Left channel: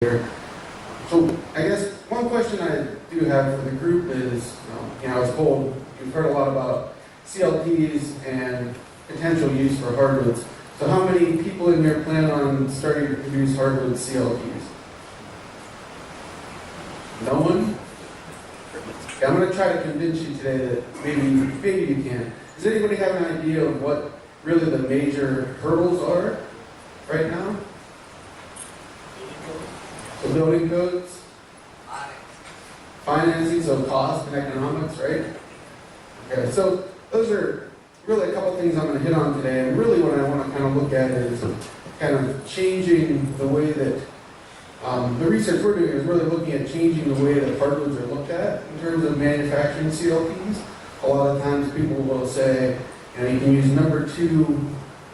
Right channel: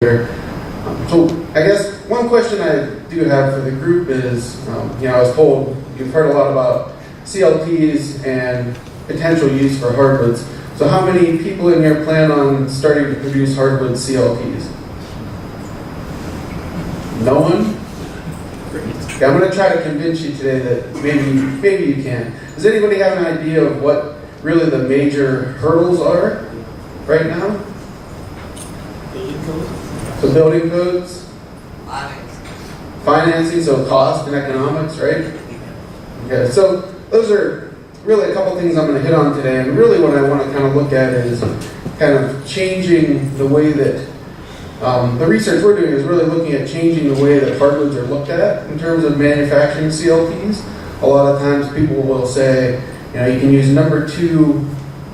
So I guess one question I do have for the group is, I was told you've heard a lot about CLTs and potential use for hardwoods. So how many people in here plan on starting to produce hardwood CLTs? No one? Okay, I'm going to try to convince you today that maybe you can. Does anybody have an idea of what really the major hurdles are right now? So building codes, financing, so cost and economics, right? Okay, so those are really a couple things I'm going to hit on today. And really what I want to kind of look at is kind of changing the way that the research we're doing is really looking at changing the way that hardwoods are looked at in terms of manufacturing CLTs. A lot of times people will say, you can use number 2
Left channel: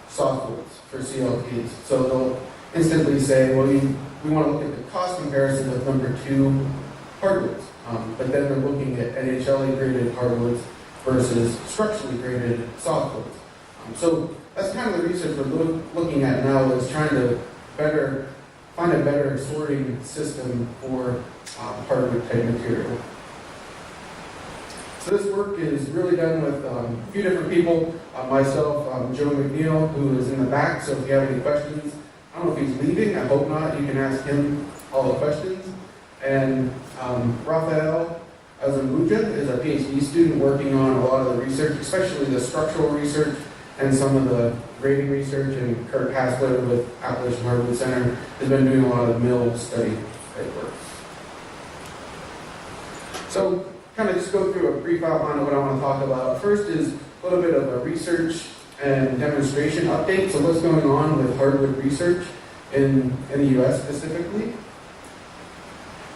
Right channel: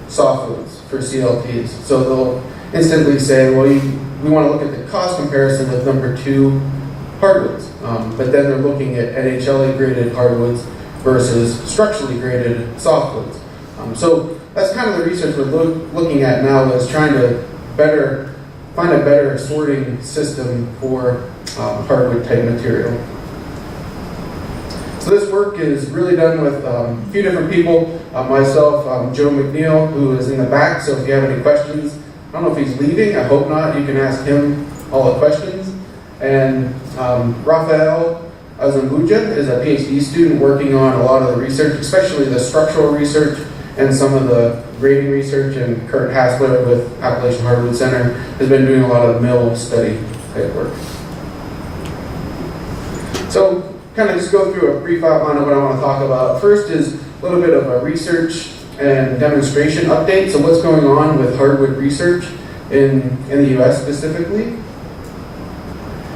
softwoods for CLTs. So they'll instantly say, well, we want to look at the cost comparison with number 2 hardwoods. But then they're looking at NHLA graded hardwoods versus structurally graded softwoods. So that's kind of the research we're looking at now, is trying to find a better sorting system for hardwood type material. So this work is really done with a few different people. Myself, Joe McNeil, who is in the back, so if you have any questions, I don't know if he's leaving, I hope not, you can ask him all the questions. And Rafael Azambuja is a PhD student working on a lot of the research, especially the structural research and some of the grading research, and Kurt Hassler with Appalachian Hardwood Center has been doing a lot of mill study type work. So kind of just go through a brief outline of what I want to talk about. First is a little bit of a research and demonstration update. So what's going on with hardwood research in the US specifically.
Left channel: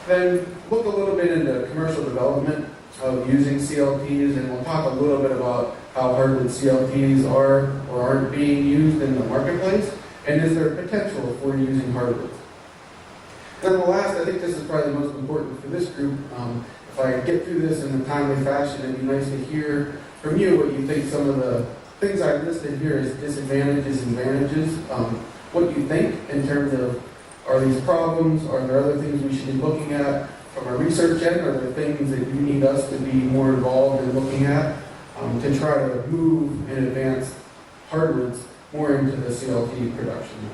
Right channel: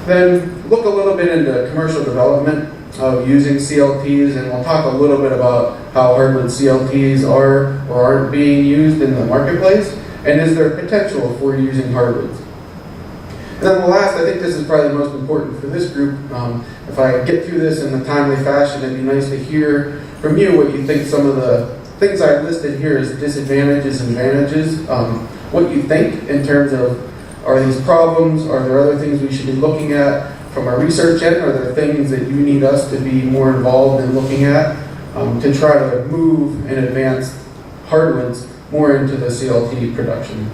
Then look a little bit into commercial development of using CLTs, and we'll talk a little bit about how hardwood CLTs are or aren't being used in the marketplace, and is there potential for using hardwoods. And then the last, I think this is probably the most important for this group. If I get through this in a timely fashion, it'd be nice to hear from you what you think some of the things I've listed here as disadvantages and advantages, what you think in terms of, are these problems, are there other things we should be looking at from our research end, are there things that you need us to be more involved in looking at to try to move and advance hardwoods more into the CLT production.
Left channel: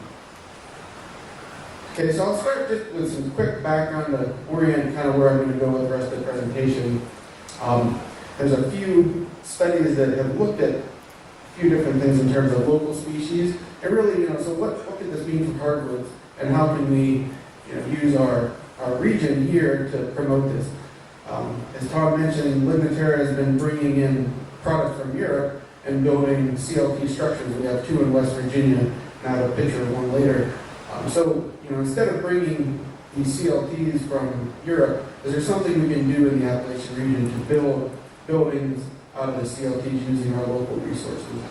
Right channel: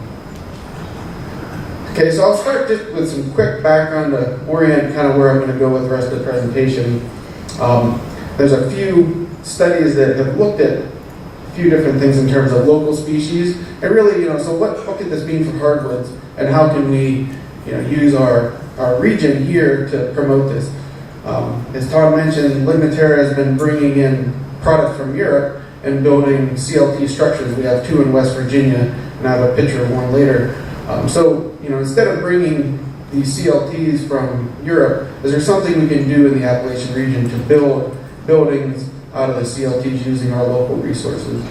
Okay, so I'll start just with some quick background to orient kind of where I'm going to go with the rest of the presentation. There's a few studies that have looked at a few different things in terms of local species, and really, so what could this mean for hardwoods, and how can we, use our region here to promote this? As Tom mentioned, Laminated has been bringing in product from Europe and building CLT structures. We have 2 in West Virginia, and I have a picture of one later. So, instead of bringing these CLTs from Europe, is there something we can do in the Appalachian region to build buildings out of the CLTs using our local resources?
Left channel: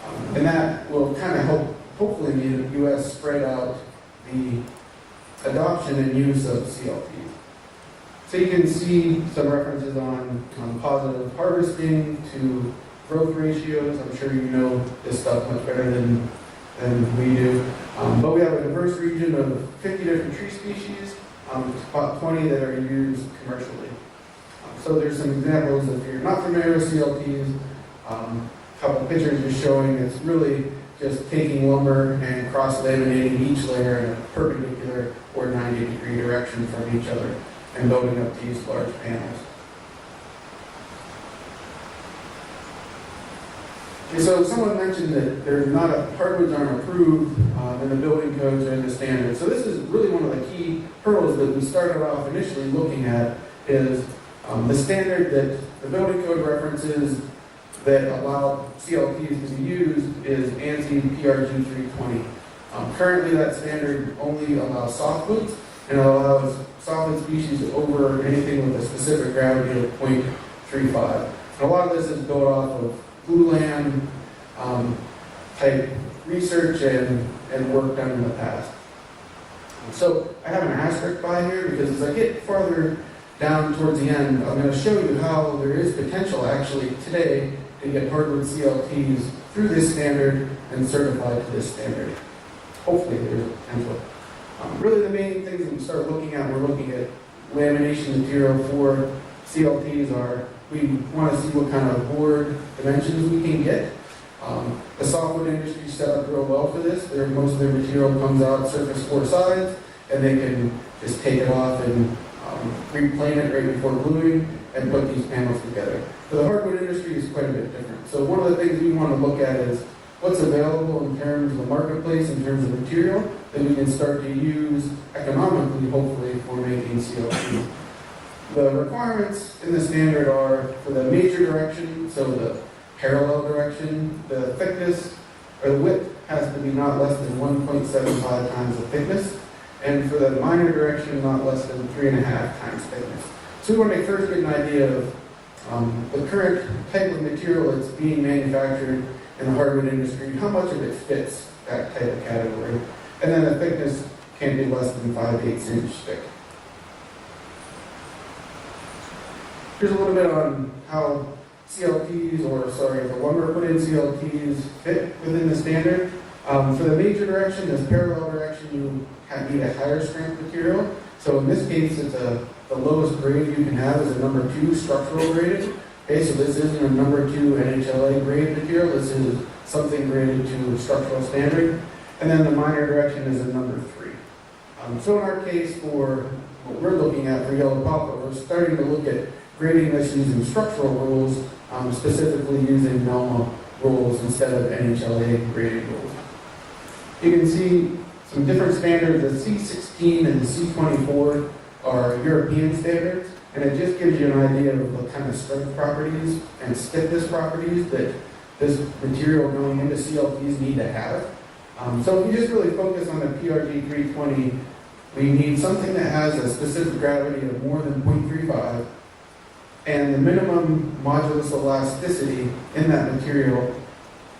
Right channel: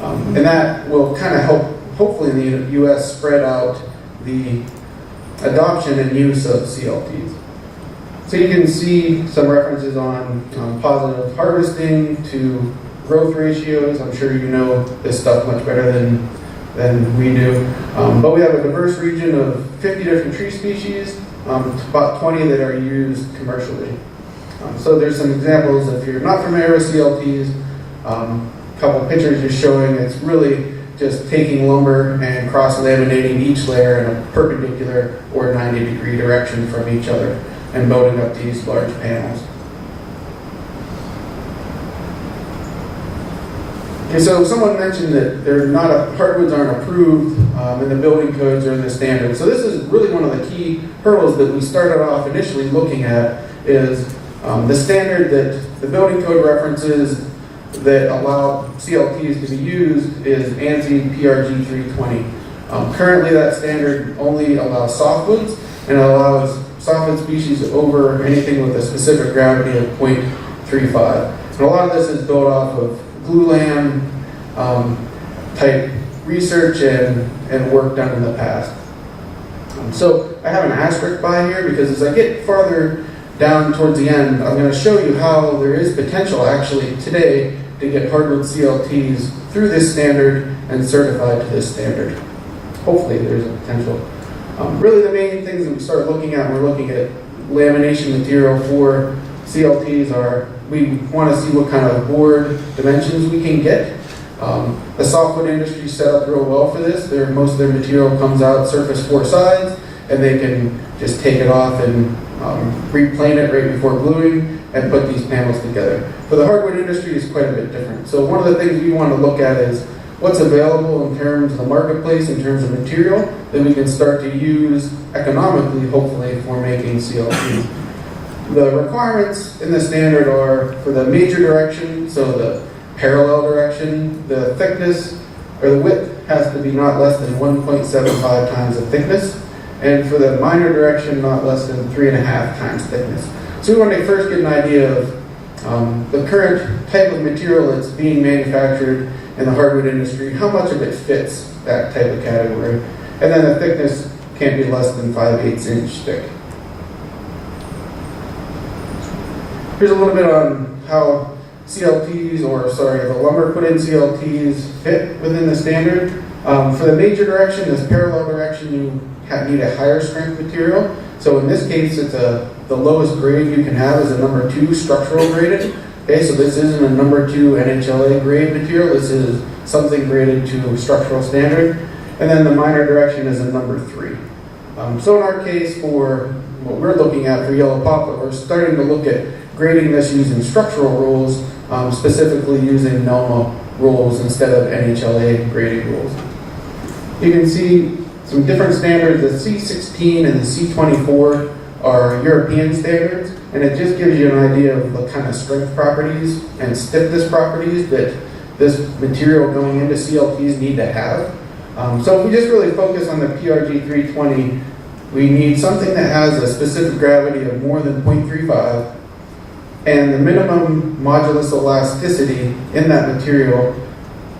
And that will kind of help, hopefully, in the U.S. spread out the adoption and use of CLTs. So you can see some references on positive harvesting to growth ratios. I'm sure you know this stuff much better than we do. But we have a diverse region of 50 different tree species, about 20 that are used commercially. So there's some examples. If you're not familiar with CLTs, a couple of pictures just showing it's really just taking lumber and cross-laminating each layer in a perpendicular or 90-degree direction from each other and building up these large panels. Okay, so someone mentioned that hardwoods aren't approved in the building codes or in the standards. So this is really one of the key hurdles that we started off initially looking at, is the standard that the building code references that allow CLTs to be used is ANSI PRG 320. Currently that standard only allows softwoods, and it allows softwood species over anything with a specific gravity of 0.35. And a lot of this is built off of glulam type research and work done in the past. So I have an asterisk by here because as I get farther down towards the end, I'm going to show you how there is potential actually today to get hardwood CLTs through this standard and certified to this standard. Hopefully there's a potential. Really the main things that we start looking at when we're looking at lamination material for CLTs are, we want to see what kind of board dimensions we can get. The softwood industry set up real well for this. Most of their material comes out surface 4 sides, and they can just take it off and replane it right before gluing and put these panels together. For the hardwood industry, it's quite a bit different. So one of the things we want to look at is what's available in terms of the marketplace, in terms of material, that we can start to use economically, hopefully, for making CLT. The requirements in the standard are for the major direction, so the parallel direction, the thickness or the width has to be not less than 1.75 times the thickness, and for the minor direction, not less than 3.5 times thickness. So we want to first get an idea of the current type of material that's being manufactured in the hardwood industry, how much of it fits that type of category, and then the thickness can't be less than 5/8 inch thick. Here's a little bit on how CLTs, the lumber put in CLTs fit within the standard. For the major direction, this parallel direction, you need a higher strength material. So in this case, it's the lowest grade you can have is a number 2 structural graded. Okay, so this isn't a number 2 NHLA grade material. This is something graded to structural standard. And then the minor direction is a number 3. So in our case, for what we're looking at for yellow poplar, we're starting to look at grading this using structural rules, specifically using NELMA rules instead of NHLA grading rules. You can see some different standards. The C16 and the C24 are European standards, and it just gives you an idea of the kind of strength properties and stiffness properties that this material going into CLTs need to have. So if we just really focus on the PRG 320, we need something that has a specific gravity of more than 0.35, and the minimum modulus elasticity in that material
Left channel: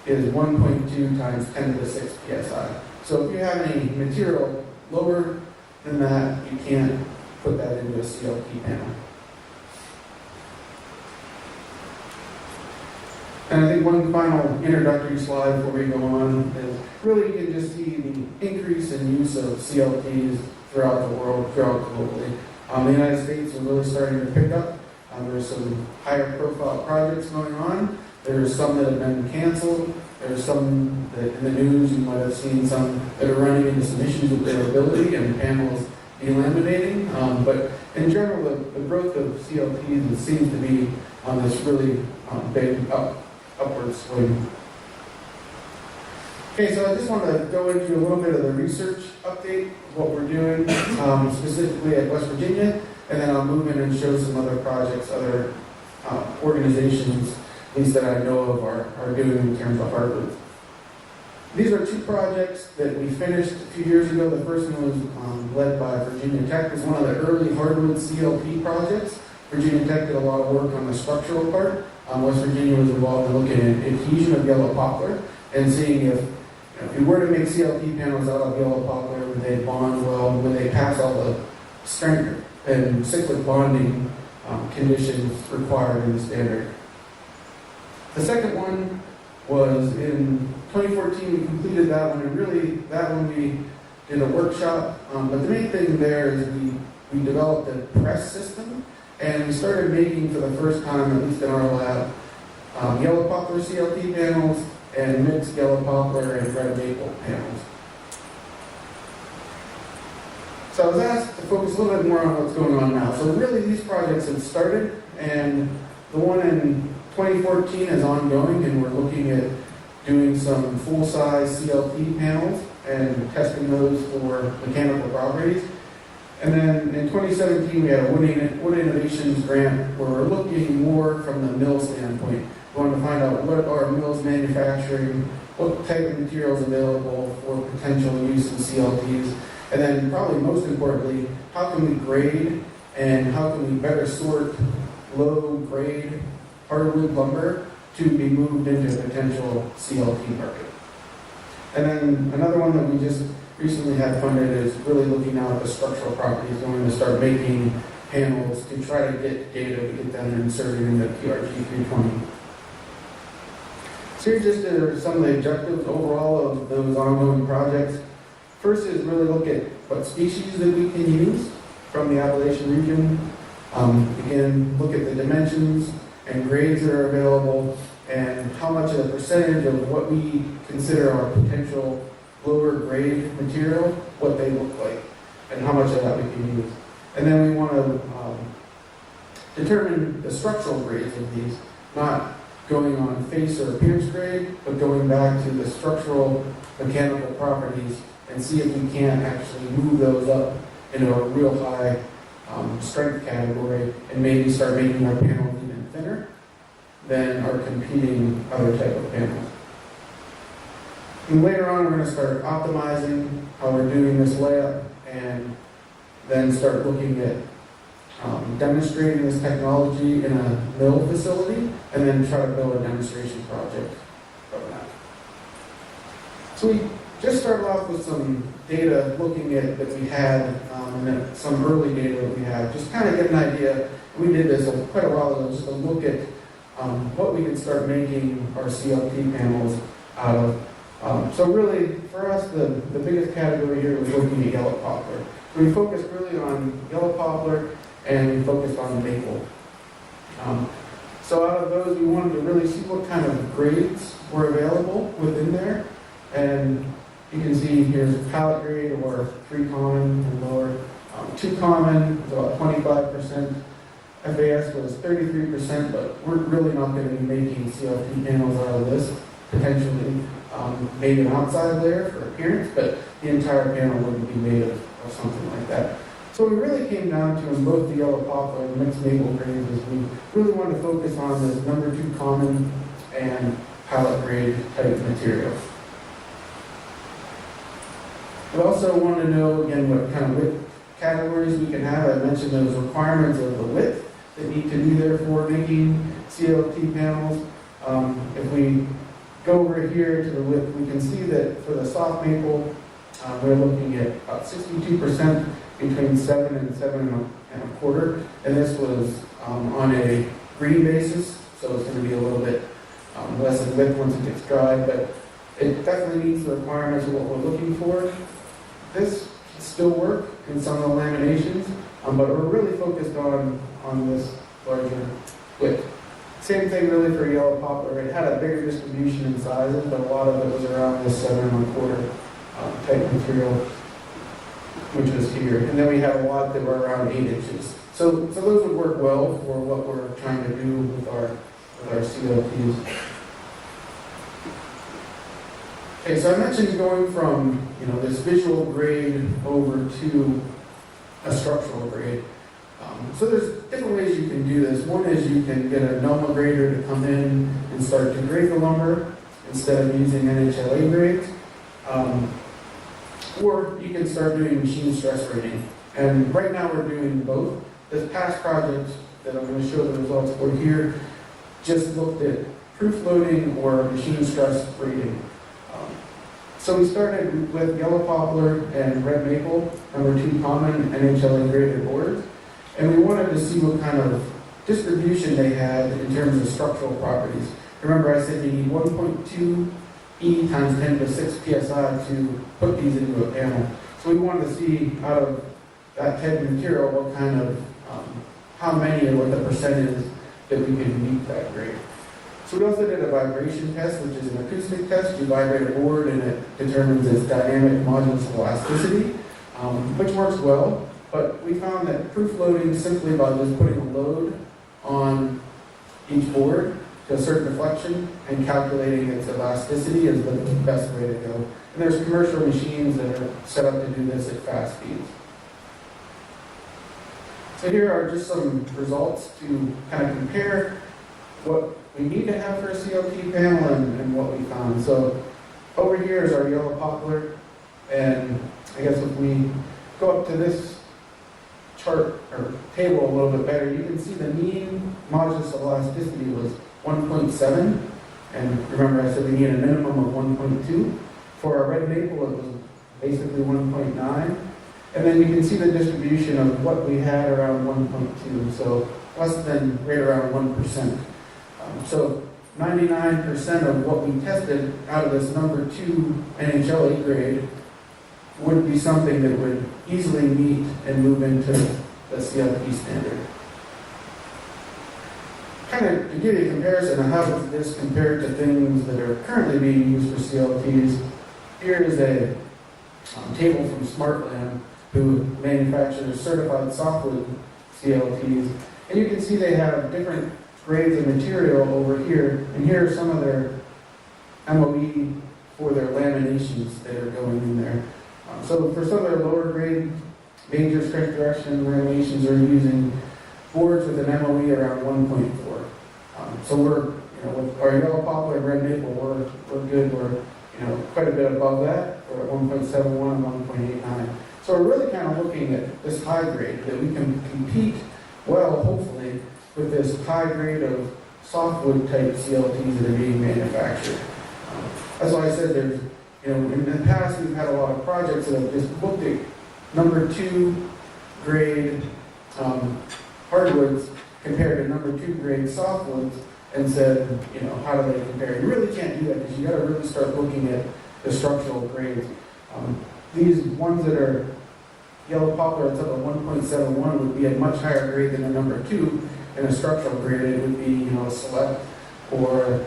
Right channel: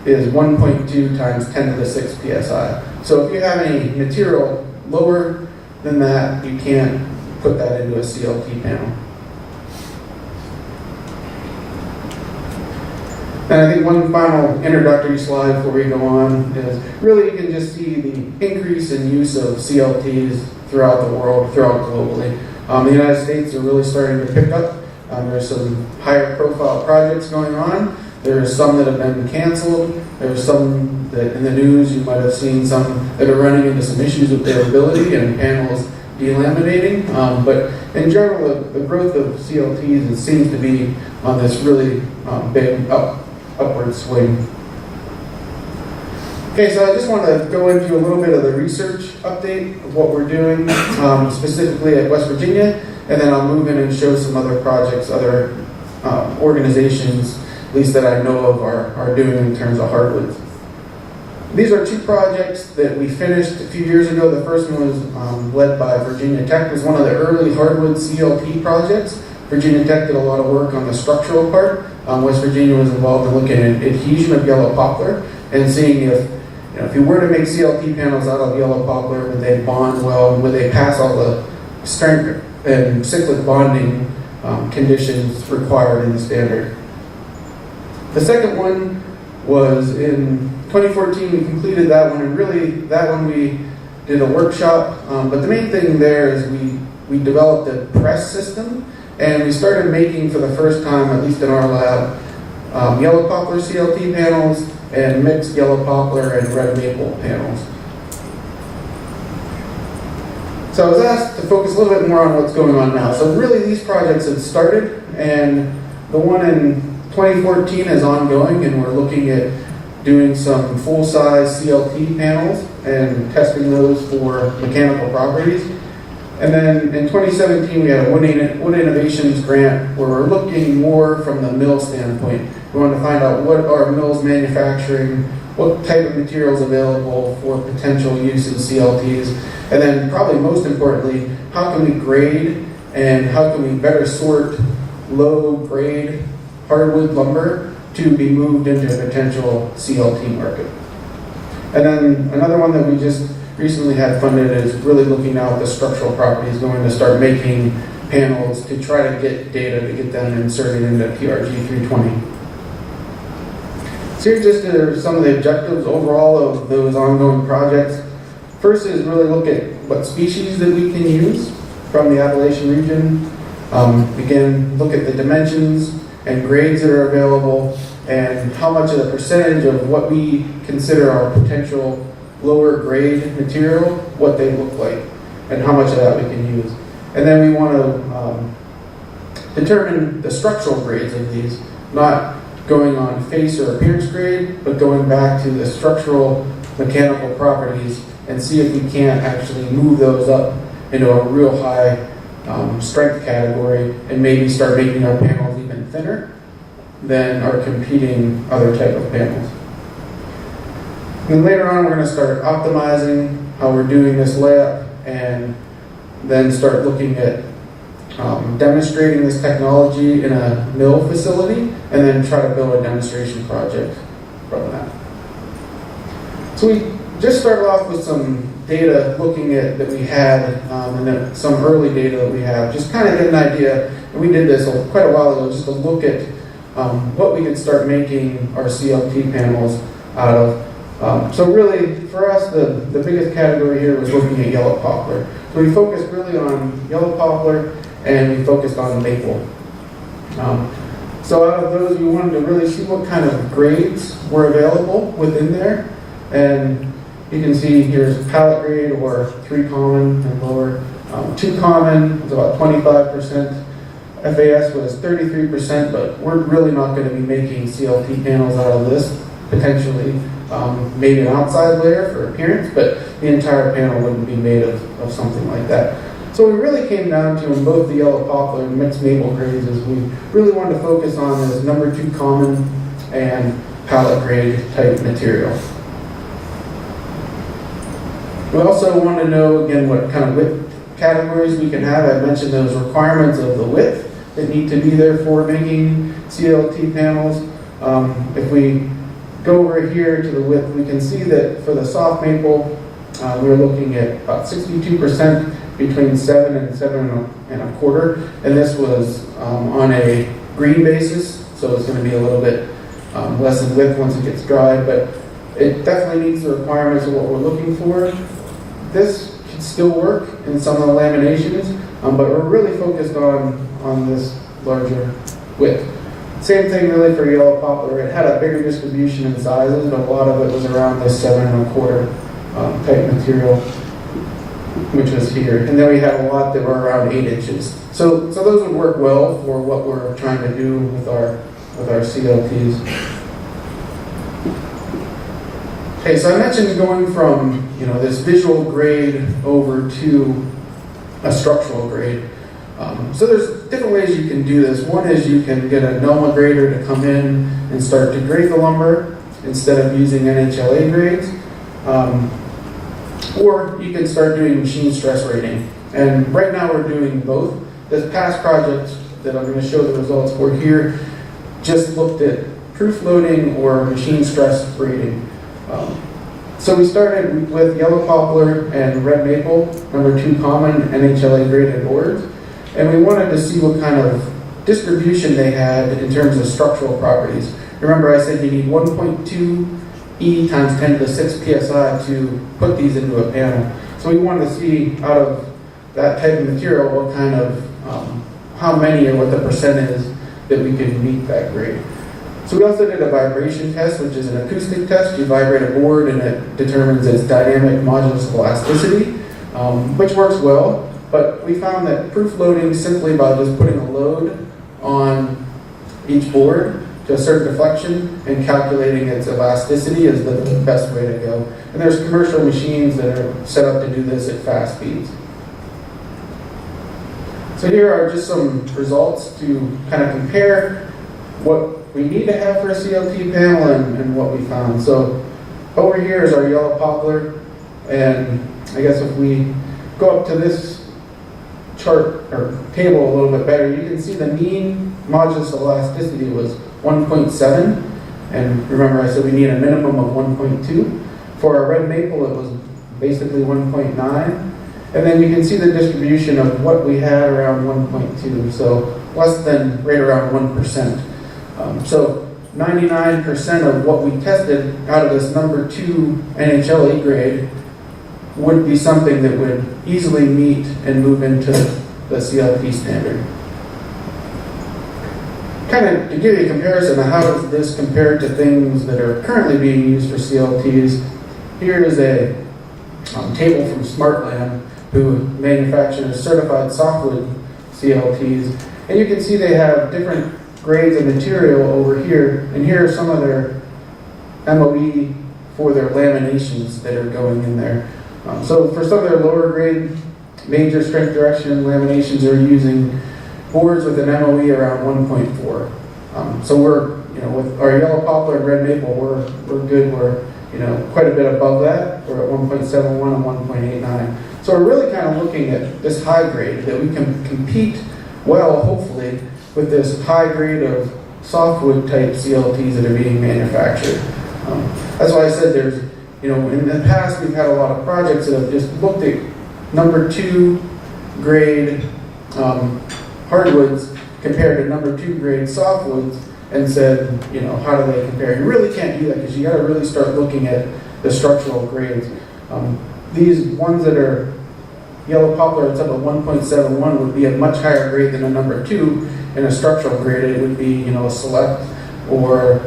is 1.2 times 10 to the 6 psi. So if you have any material lower than that, you can't put that into a CLT panel. And I think one final introductory slide before we go on is really you can just see the increase in use of CLTs throughout the world, throughout globally. The United States are really starting to pick up. There's some higher profile projects going on. There's some that have been canceled. There's some that in the news you might have seen some that are running into some issues with durability and panels delaminating. But in general, the growth of CLTs it seems to be on this really big upward swing. Okay, so I just want to go into a little bit of the research update of what we're doing, specifically at West Virginia, and then I'll move in and show some other projects, other organizations, at least that I know of, are doing in terms of hardwoods. These are 2 projects that we finished a few years ago. The first one was led by Virginia Tech. It was one of the early hardwood CLT projects. Virginia Tech did a lot of work on the structural part. West Virginia was involved in looking at adhesion of yellow poplar and seeing if you were to make CLT panels out of yellow poplar, would they bond well, would they pass all the strength and cyclic bonding conditions required in the standard. The second one was in 2014, we completed that one, and really that one we did a workshop, but the main thing there is we developed a press system, and we started making for the first time, at least in our lab, yellow poplar CLT panels and mixed yellow poplar and red maple panels. So I was asked to focus a little bit more on what's going on now. So really these projects have started, and the one in 2014 is ongoing, and we're looking at doing some full-size CLT panels and testing those for mechanical properties. And then in 2017, we had a Wood Innovations grant where we're looking more from the mill standpoint. We want to find out what are mills manufacturing, what type of materials available for potential use in CLTs, and then probably most importantly, how can we grade and how can we better sort low-grade hardwood lumber to be moved into a potential CLT market. And then another one that we just recently had funded is really looking now at the structural properties, going to start making panels to try to get data to get them inserted into PRG 320. So here just are some of the objectives overall of those ongoing projects. First is really look at what species that we can use from the Appalachian region. Again, look at the dimensions and grades that are available and how much of the percentage of what we consider our potential lower grade material, what they look like, and how much of that we can use. And then we want to determine the structural grades of these, not going on face or appearance grade, but going back to the structural mechanical properties and see if we can't actually move those up into a real high strength category and maybe start making our panels even thinner than our competing other type of panels. And later on, we're going to start optimizing how we're doing this layup and then start looking at demonstrating this technology in a mill facility and then try to build a demonstration project from that. So we just started off with some data looking at that we had and then some early data that we have, just kind of get an idea. And we did this quite a while ago, just to look at what we could start making our CLT panels out of. So really, for us, the biggest category here was looking at yellow poplar. So we focused really on yellow poplar and we focused on maple. So out of those, we wanted to really see what kind of grades were available within there. And you can see here's pallet grade or 3 common and lower. 2 common is about 25%. FAS was 33%, but we're really not going to be making CLT panels out of this, potentially. Maybe an outside layer for appearance, but the entire panel wouldn't be made of something like that. So we really came down to, in both the yellow poplar and mixed maple grades, is we really wanted to focus on this number 2 common and pallet grade type material. We also want to know, again, what kind of width categories we can have. I mentioned those requirements of the width that need to be there for making CLT panels. If we go over here to the width, we can see that for the soft maple, we're looking at about 62% between 7 and 7.25, and this was on a green basis, so it's going to be a little bit less in width once it gets dried, but it definitely meets the requirements of what we're looking for. This can still work in some of the laminations, but we're really focused on this larger width. Same thing really for yellow poplar. It had a bigger distribution in sizes, but a lot of it was around this 7.25 type material, which was here. And then we had a lot that were around 8 inches. So those would work well for what we're trying to do with our CLTs. Okay, so I mentioned going from this visual grade over to a structural grade. So there's different ways you can do this. One is you can get a NOMA grader to come in and start to grade the lumber instead of using NHLA grades. Or you can start doing machine stress rating. And right now we're doing both. This past project that I'm going to show the results for here just looked at proof loading or machine stress rating. So we started with yellow poplar and red maple, number 2 common NHLA graded boards. And we wanted to see what kind of distribution they had in terms of structural properties. Remember I said you need 1.2 E times 10 to the 6 PSI to put these into a panel. So we wanted to see out of that type of material what kind of, how many or what the percent is that we could meet that grade. So we also did a vibration test, which is an acoustic test. You vibrate a board and it determines its dynamic modulus of elasticity, which works well. But we found that proof loading simply by just putting a load on each board to a certain deflection and calculating its elasticity is the best way to go. And there's commercial machines that are set up to do this at fast speeds. So here are just some results to kind of compare what we need to have for a CLT panel and what we found. So over here is our yellow poplar, and I guess if we go up to this chart or table a little bit better, you can see the mean modulus of elasticity was 1.7, and remember I said we need a minimum of 1.2. For our red maple, it was basically 1.9, and then you can see the distribution of what we had around 1.2, so less than right around 1%. So 99% of what we tested out of this number 2 NHLA grade would be something that would easily meet and move into the CLT standard. Kind of to give you a comparison of how does this compare to things that are currently being used for CLTs, here is a table from SmartLam, who manufactures certified softwood CLTs. And you can see they have different grades of material over here, and here are some of their MOE for their laminations that are going in there. So for some of their lower grade major strength direction laminations are using boards with an MOE around 1.4. So we're, with our yellow poplar and red maple, we're good. We're, quite a bit above that. We're at 1.71 and 1.89. So we're really kind of looking at this high grade that we can compete well, hopefully, with this high grade of softwood type CLTs that are being manufactured. That's why I said there's, in the past we've had a lot of projects that have just looked at number 2 grade hardwoods compared to number 2 grade softwoods and said, how do they compare? You really can't do that because you got to really start looking at the structural grades. These ones that are yellow poplar that's up at 1.71 would be a much higher grade than a number 2, and a structural grade it would be, a select or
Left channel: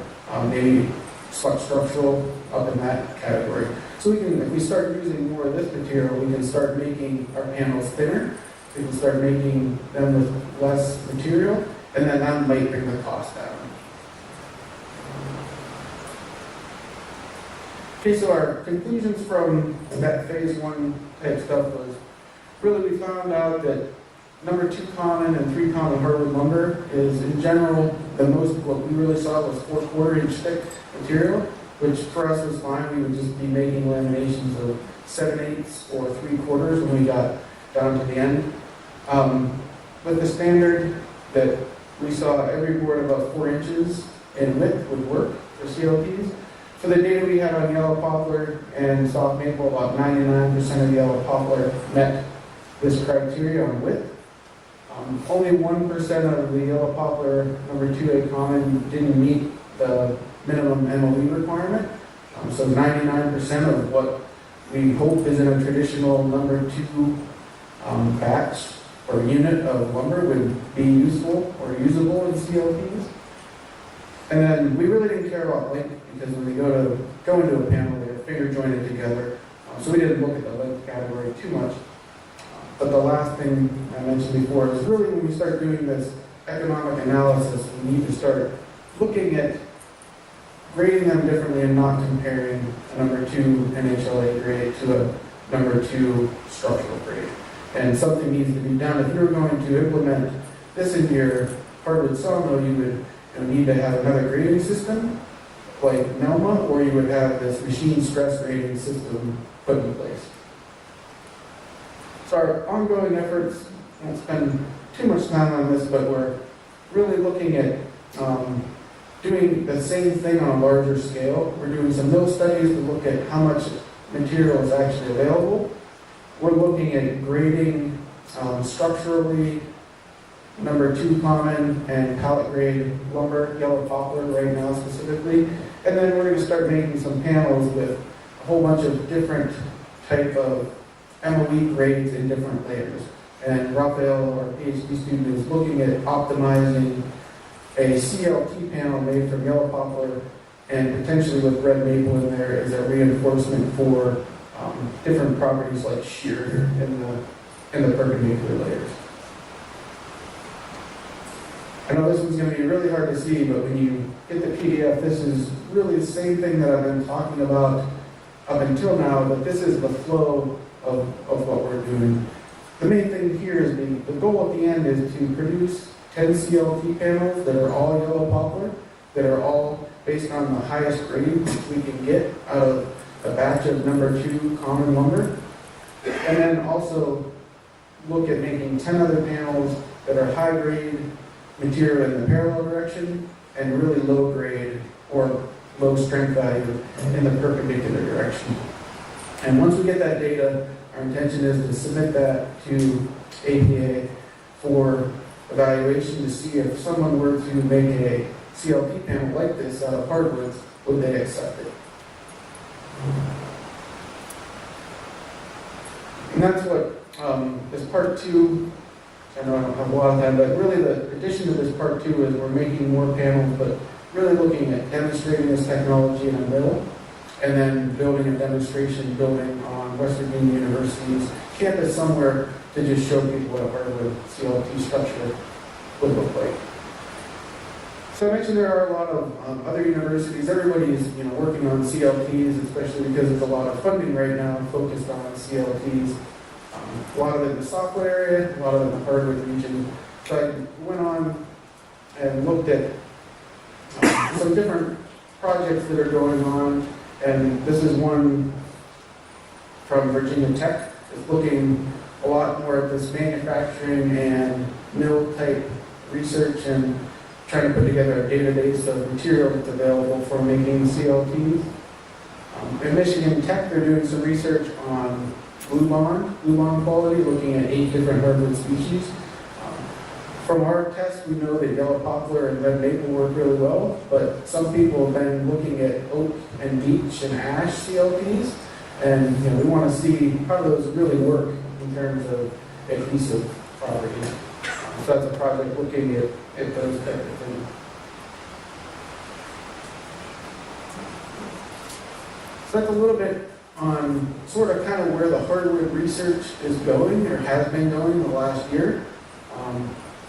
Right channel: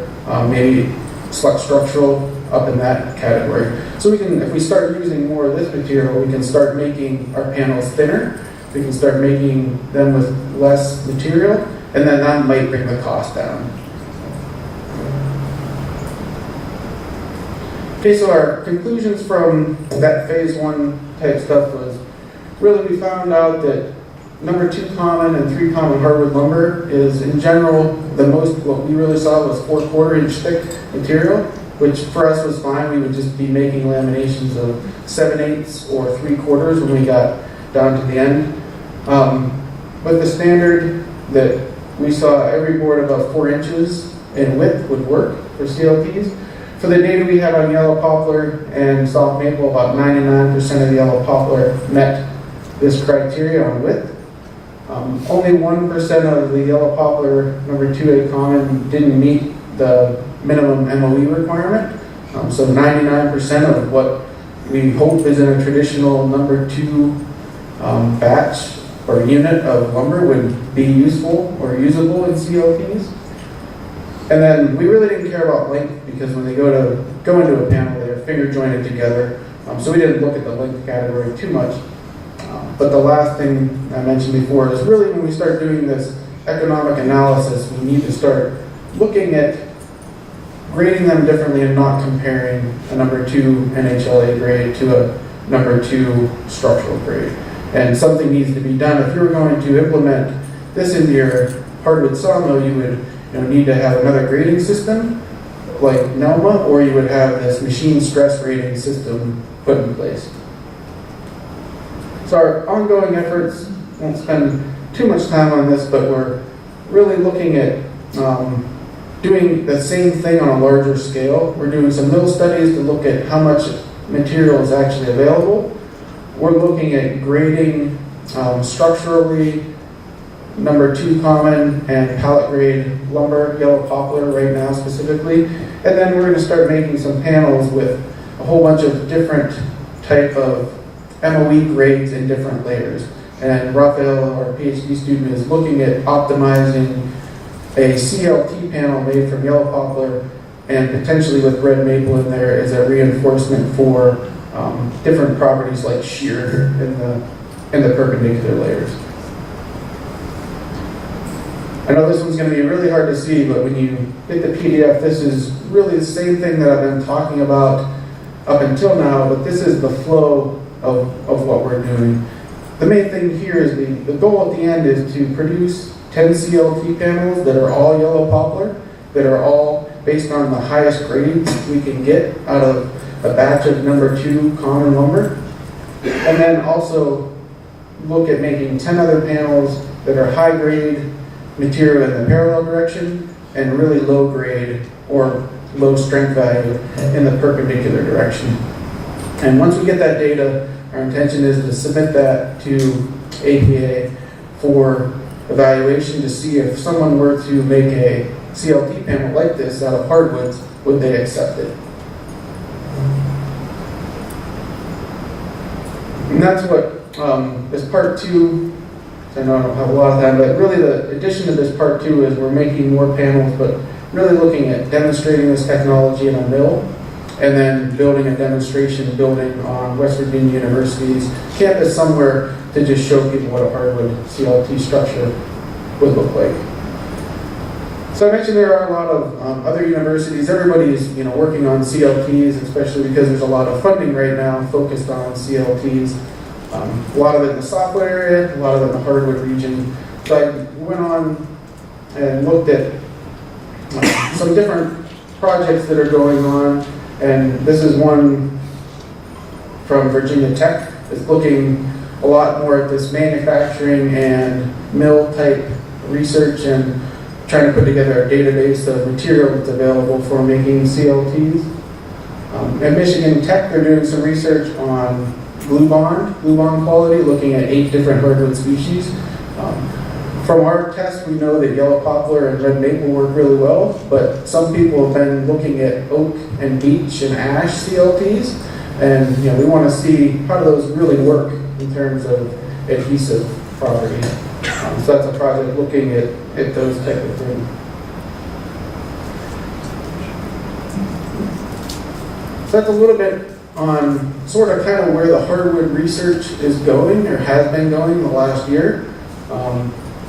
maybe select structural up in that category. So we can, if we start using more of this material, we can start making our panels thinner. We can start making them with less material, and then that might bring the cost down. Okay, so our conclusions from that phase 1 type stuff was really we found out that number 2 common and 3 common hardwood lumber is in general the most, what we really saw was 4/4 inch thick material, which for us was fine. We would just be making laminations of 7/8 or 3/4 when we got down to the end. With the standard that we saw every board about 4 inches in width would work for CLTs. For the data we had on yellow poplar and soft maple, about 99% of yellow poplar met this criteria on width. Only 1% of the yellow poplar number 2A common didn't meet the minimum MOE requirement. So 99% of what we hope is in a traditional number 2 batch or unit of lumber would be useful or usable in CLTs. And then we really didn't care about length because when they go into a panel, they're finger jointed together. So we didn't look at the length category too much. But the last thing I mentioned before is really when we start doing this economic analysis, we need to start looking at grading them differently and not comparing a number 2 NHLA grade to a number 2 structural grade. And something needs to be done. If you're going to implement this into your hardwood sawmill, you would need to have another grading system like NELMA, or you would have this machine stress grading system put in place. So our ongoing efforts, won't spend too much time on this, but we're really looking at doing the same thing on a larger scale. We're doing some mill studies to look at how much material is actually available. We're looking at grading structurally number 2 common and pallet grade lumber, yellow poplar right now specifically. And then we're going to start making some panels with a whole bunch of different type of MOE grades in different layers. And Raphael, our PhD student, is looking at optimizing a CLT panel made from yellow poplar and potentially with red maple in there as a reinforcement for different properties like shear in the perpendicular layers. I know this one's going to be really hard to see, but when you get the PDF, this is really the same thing that I've been talking about up until now, but this is the flow of what we're doing. The main thing here is the goal at the end is to produce 10 CLT panels that are all yellow poplar, that are all based on the highest grades we can get out of a batch of number 2 common lumber. And then also look at making 10 other panels that are high grade material in the parallel direction and really low grade or low strength value in the perpendicular direction. And once we get that data, our intention is to submit that to APA for evaluation to see if someone were to make a CLT panel like this out of hardwoods, would they accept it? And that's what this part two, I know I don't have a lot of time, but really the addition to this part two is we're making more panels, but really looking at demonstrating this technology in a mill, and then building a demonstration building on West Virginia University's campus somewhere to just show people what a hardwood CLT structure would look like. So I mentioned there are a lot of other universities. Everybody's working on CLTs, especially because there's a lot of funding right now focused on CLTs. A lot of it in the software area, a lot of it in the hardwood region. So I went on and looked at some different projects that are going on, and this is one from Virginia Tech. It's looking a lot more at this manufacturing and mill type research and trying to put together a database of material that's available for making CLTs. At Michigan Tech, they're doing some research on glue bond quality, looking at 8 different hardwood species. From our test, we know that yellow poplar and red maple work really well, but some people have been looking at oak and beech and ash CLTs, and we want to see how do those really work in terms of adhesive properties. So that's a project looking at those type of things. So that's a little bit on sort of kind of where the hardwood research is going, or has been going the last year.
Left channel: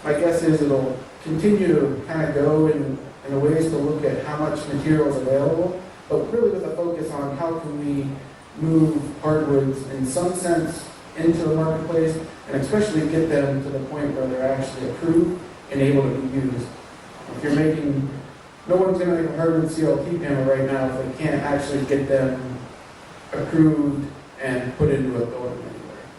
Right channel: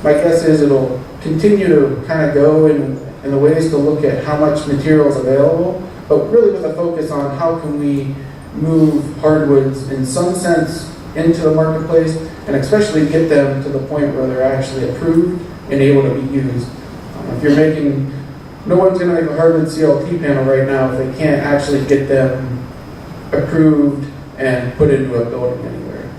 My guess is it'll continue to kind of go in the ways to look at how much material is available, but really with a focus on how can we move hardwoods in some sense into the marketplace, and especially get them to the point where they're actually approved and able to be used. If you're making, no one's going to make a hardwood CLT panel right now if they can't actually get them approved and put into a building anywhere.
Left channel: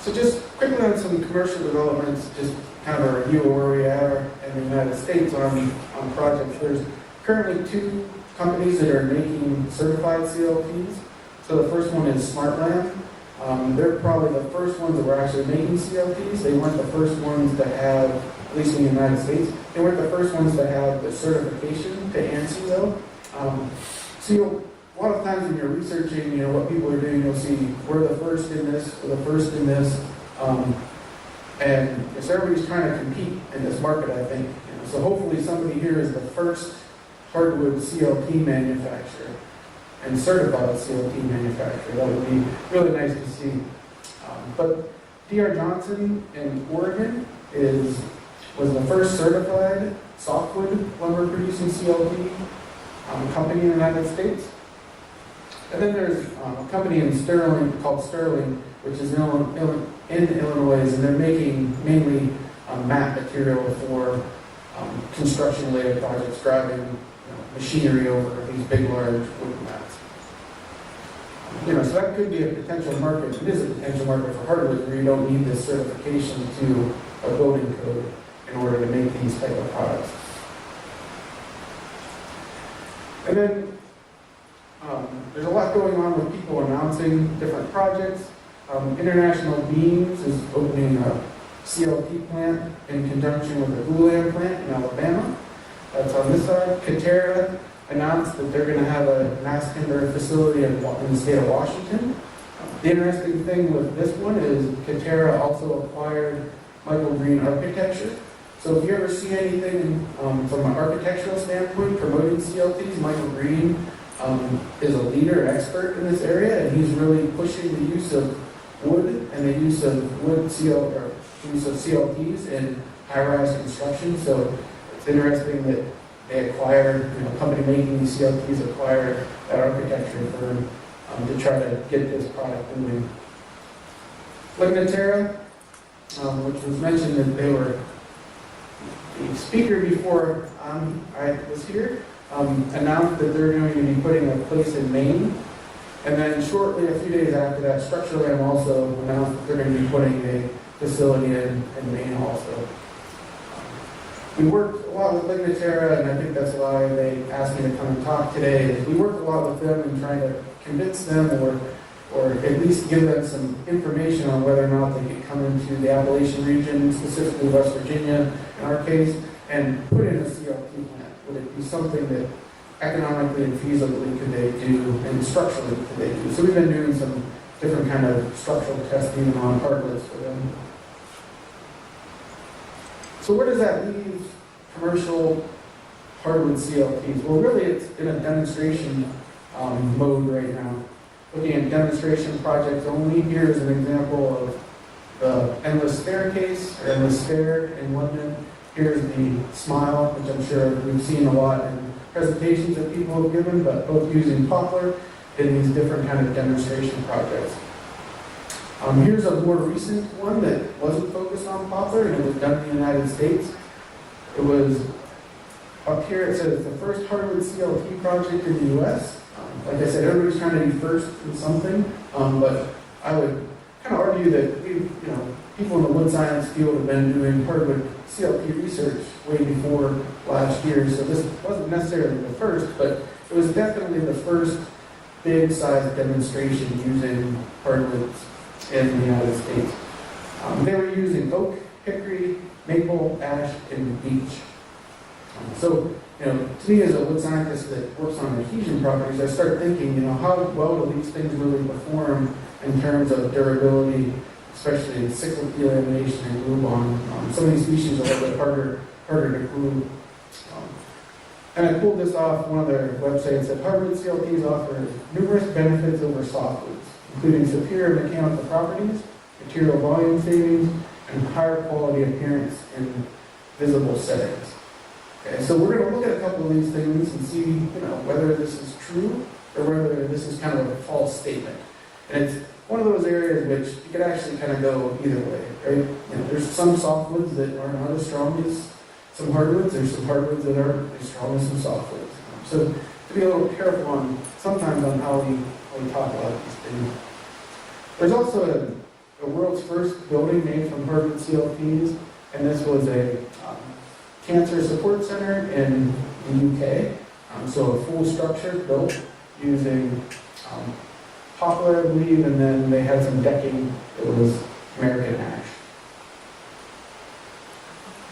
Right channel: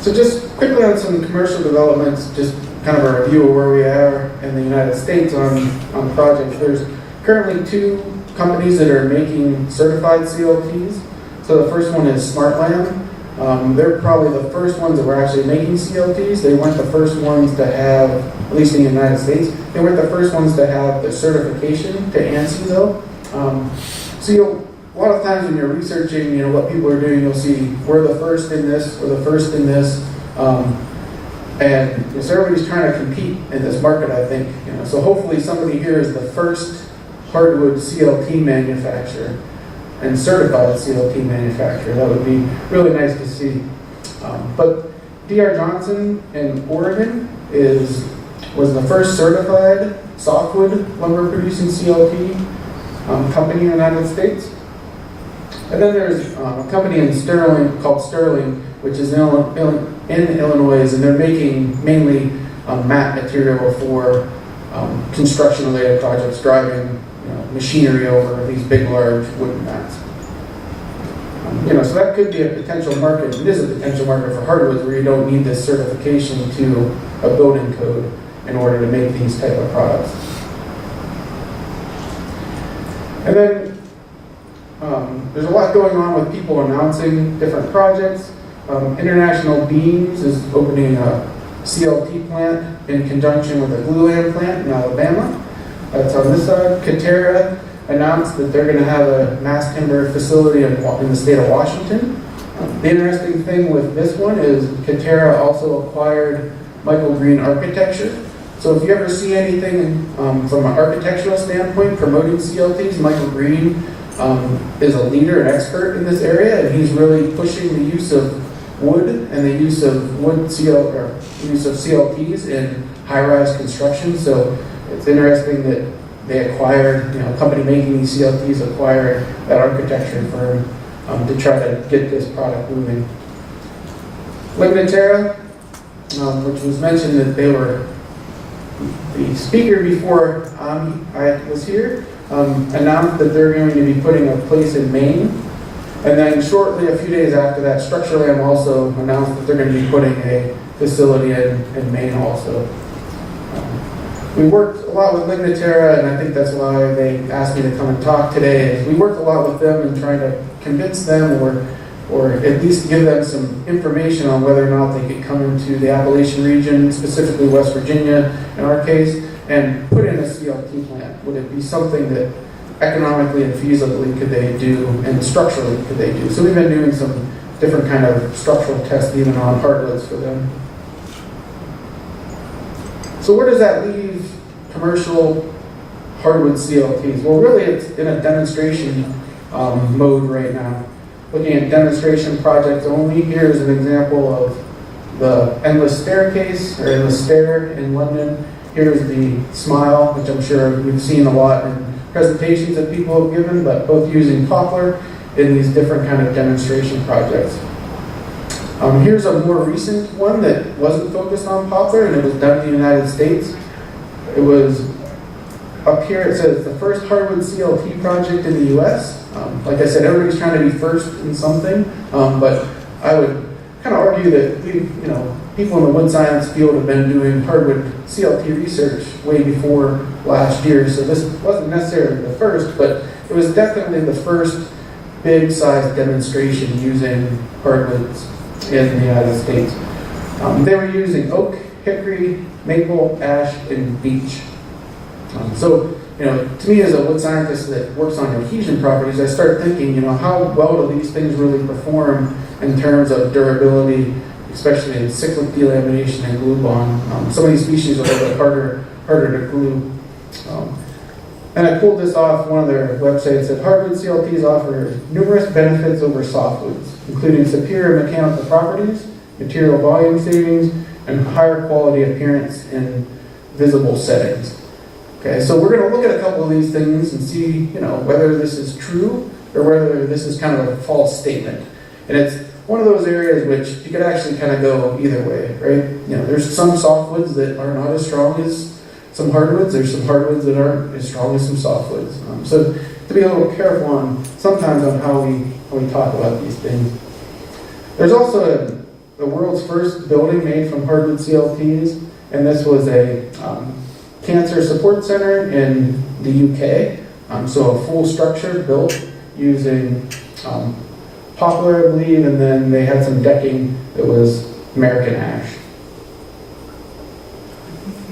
So just quickly on some commercial developments, just kind of a review of where we are in the United States on projects. There's currently 2 companies that are making certified CLTs. So the first one is Smartland. They're probably the first ones that were actually making CLTs. They weren't the first ones to have, at least in the United States, they weren't the first ones to have the certification to ANSI though. So a lot of times when you're researching, what people are doing, you'll see we're the first in this, we're the first in this, and so everybody's trying to compete in this market, I think. So hopefully somebody here is the first hardwood CLT manufacturer and certified CLT manufacturer. That would be really nice to see. But D.R. Johnson in Oregon was the first certified softwood lumber producing CLT company in the United States. And then there's a company in Sterling called Sterling, which is in Illinois, and they're making mainly mat material for construction-related projects, driving machinery over these big, large wooden mats. So that could be a potential market. It is a potential market for hardwoods where you don't need this certification to a building code in order to make these type of products. And then there's a lot going on with people announcing different projects. International Beams is opening a CLT plant in conjunction with a glulam plant in Alabama. That's on this side. Katerra announced that they're going to have a mass timber facility in the state of Washington. The interesting thing with this one is Katerra also acquired Michael Green Architecture. So if you ever see anything from an architectural standpoint promoting CLTs, Michael Green is a leader and expert in this area, and he's really pushing the use of wood and the use of use of CLTs in high-rise construction. So it's interesting that they acquired, a company making these CLTs acquired that architecture firm to try to get this product moving. Laminated, which was mentioned that they were the speaker before I was here, announced that they're going to be putting a place in Maine. And then shortly, a few days after that, Structurlam also announced that they're going to be putting a facility in Maine also. We worked a lot with Laminated, and I think that's why they asked me to come and talk today. Is we worked a lot with them in trying to convince them or at least give them some information on whether or not they could come into the Appalachian region, specifically West Virginia in our case, and put in a CLT plant. Would it be something that economically and feasibly could they do, and structurally could they do? So we've been doing some different kind of structural tests even on hardwoods for them. So where does that leave commercial hardwood CLTs? Well, really it's in a demonstration mode right now. Looking at demonstration projects only, here's an example of the endless staircase, or endless stair in London. Here's the smile, which I'm sure we've seen a lot in presentations that people have given, but both using poplar in these different kind of demonstration projects. Here's a more recent one that wasn't focused on poplar, and it was done in the United States. It was up here, it says the first hardwood CLT project in the US. Like I said, everybody's trying to be first in something, but I would kind of argue that people in the wood science field have been doing hardwood CLT research way before last year, so this wasn't necessarily the first, but it was definitely the first big size demonstration using hardwoods in the United States. They were using oak, hickory, maple, ash, and beech. So, to me as a wood scientist that works on adhesion properties, I start thinking, how well do these things really perform in terms of durability, especially in cyclic delamination and glue bond. Some of these species are a little bit harder to glue. And I pulled this off one of their websites that hardwood CLTs offer numerous benefits over softwoods, including superior mechanical properties, material volume savings, and higher quality appearance in visible settings. Okay, so we're going to look at a couple of these things and see, whether this is true or whether this is kind of a false statement. And it's one of those areas which you could actually kind of go either way, right? There's some softwoods that are not as strong as some hardwoods. There's some hardwoods that aren't as strong as some softwoods. So to be a little careful sometimes on how we talk about these things. There's also the world's first building made from hardwood CLTs, and this was a cancer support center in the UK. So a full structure built using poplar, I believe, and then they had some decking that was American ash.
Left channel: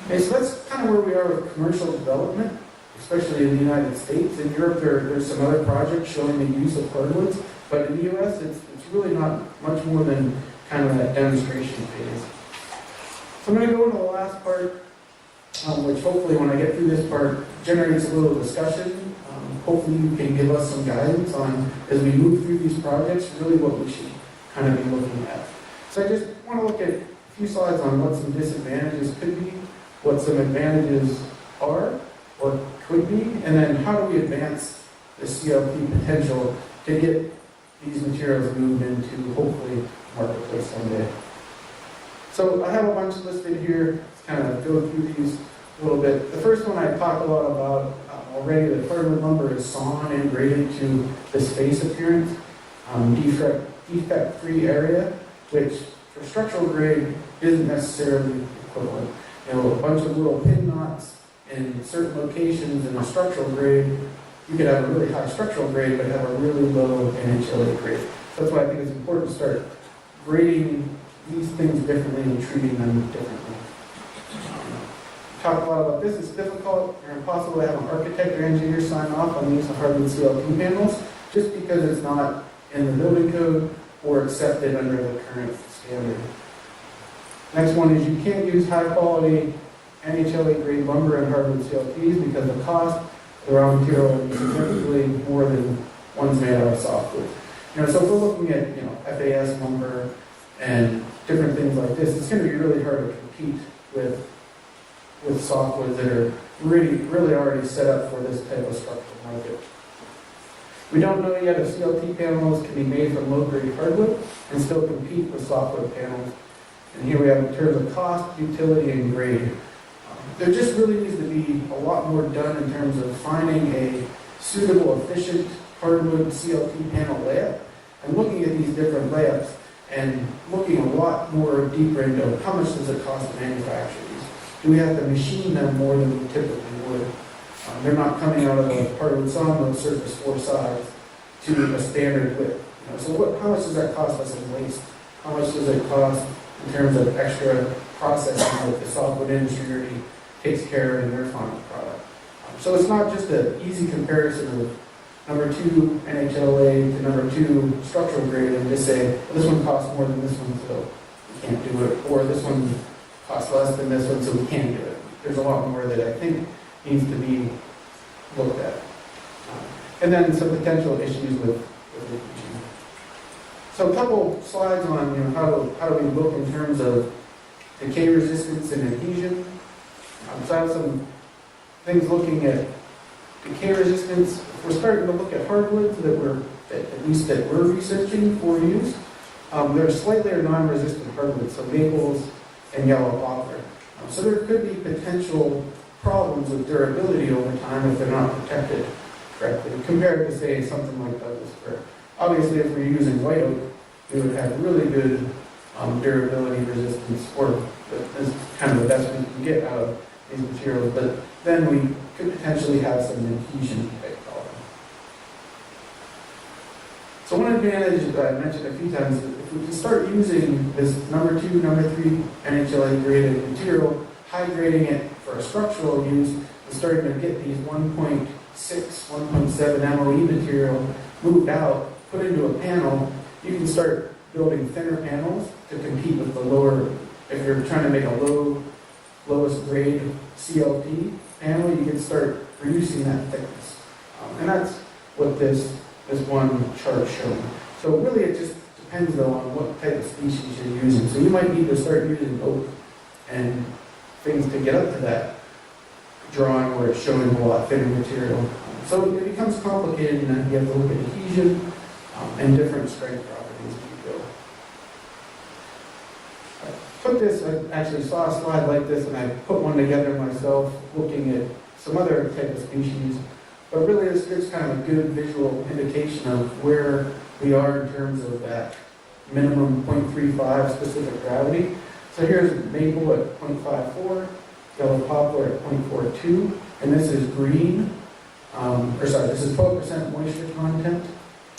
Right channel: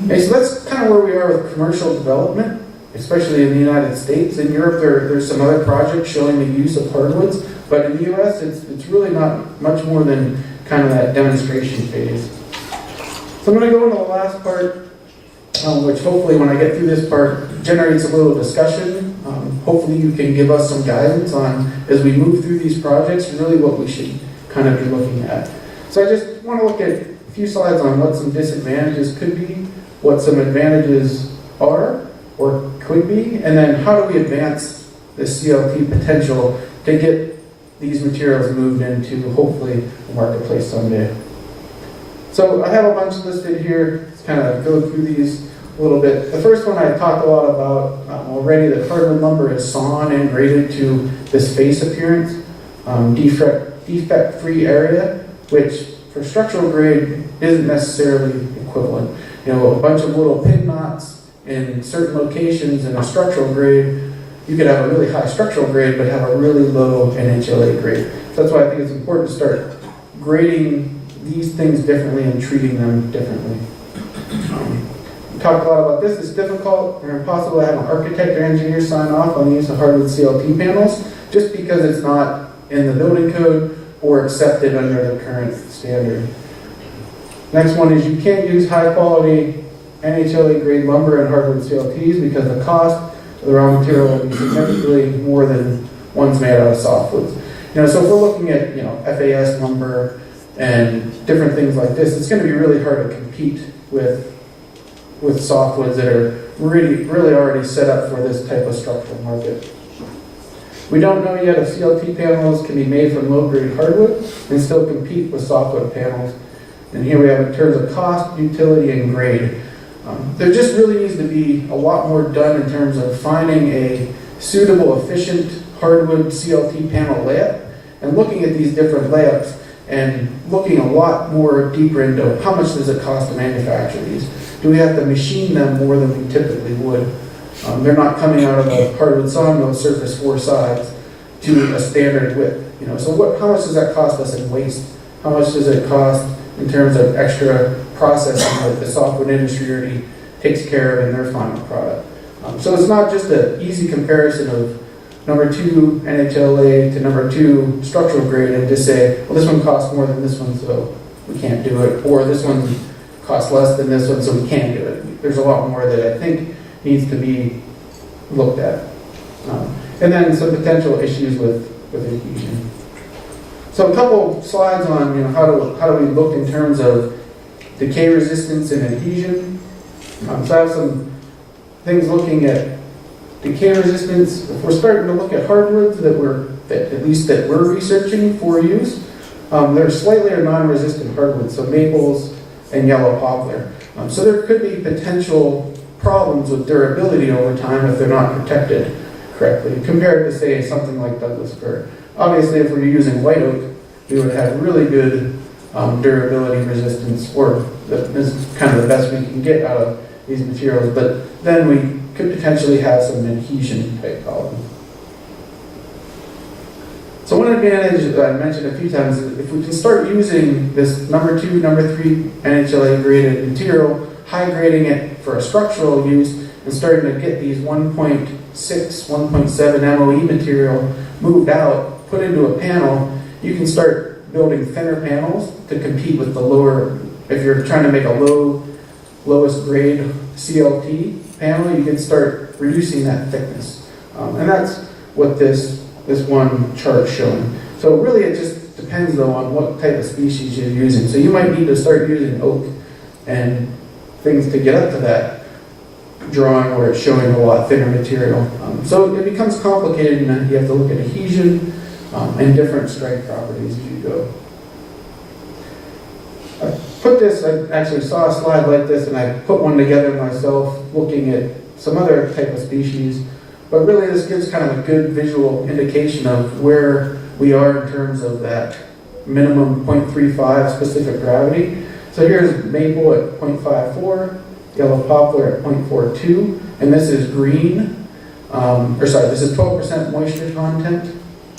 Okay, so that's kind of where we are with commercial development, especially in the United States. In Europe, there's some other projects showing the use of hardwoods, but in the US, it's really not much more than kind of that demonstration phase. So I'm going to go into the last part, which hopefully when I get through this part generates a little discussion. Hopefully you can give us some guidance on, as we move through these projects, really what we should kind of be looking at. So I just want to look at a few slides on what some disadvantages could be, what some advantages are or could be, and then how do we advance the CLT potential to get these materials moved into hopefully the marketplace someday. So I have a bunch listed here. Let's kind of go through these a little bit. The first one I talked a lot about already, that hardwood lumber is sawn and graded to this face appearance, defect-free area, which for structural grade isn't necessarily equivalent. A bunch of little pin knots in certain locations in a structural grade, you could have a really high structural grade but have a really low NHLA grade. So that's why I think it's important to start grading these things differently and treating them differently. We talked a lot about this. It's difficult or impossible to have an architect or engineer sign off on the use of hardwood CLT panels just because it's not in the building code or accepted under the current standard. Next one is you can't use high quality NHLA grade lumber and hardwood CLTs because the cost of the raw material will be significantly more than ones made out of softwoods. So if we're looking at FAS lumber and different things like this, it's going to be really hard to compete with softwoods that are really already set up for this type of structural market. We don't know yet if CLT panels can be made from low-grade hardwood and still compete with softwood panels. And here we have in terms of cost, utility, and grade. There just really needs to be a lot more done in terms of finding a suitable, efficient hardwood CLT panel layup and looking at these different layups and looking a lot more deeper into how much does it cost to manufacture these. Do we have to machine them more than we typically would? They're not coming out of a hardwood sawmill surface 4 sides to a standard width. So how much does that cost us in waste? How much does it cost in terms of extra processing that the softwood industry already takes care of in their final product? So it's not just an easy comparison of number 2 NHLA to number 2 structural grade and just say, well, this one costs more than this one, so we can't do it, or this one costs less than this one, so we can do it. There's a lot more that I think needs to be looked at. And then some potential issues with adhesion. So a couple slides on how do we look in terms of decay resistance and adhesion. So I have some things looking at decay resistance. If we're starting to look at hardwoods that we're researching for use, they're slightly or non-resistant hardwoods, so maples and yellow poplar. So there could be potential problems with durability over time if they're not protected correctly, compared to, say, something like Douglas fir. Obviously, if we're using white oak, we would have really good durability resistance, or this is kind of the best we can get out of these materials, but then we could potentially have some adhesion type problem. So one advantage that I mentioned a few times is if we can start using this number 2, number 3 NHLA graded material, high grading it for a structural use, and starting to get these 1.6, 1.7 MOE material moved out, put into a panel, you can start building thinner panels to compete with the lower, if you're trying to make a lowest grade CLT panel, you can start reducing that thickness. And that's what this one chart is showing. So really it just depends though on what type of species you're using. So you might need to start using oak and things to get up to that drawing where it's showing a lot thinner material. So it becomes complicated, and then you have to look at adhesion and different strength properties as you go. I actually saw a slide like this, and I put one together myself looking at some other type of species. But really this gives kind of a good visual indication of where we are in terms of that minimum 0.35 specific gravity. So here's maple at 0.54, yellow poplar at 0.42, and this is green, this is 12% moisture content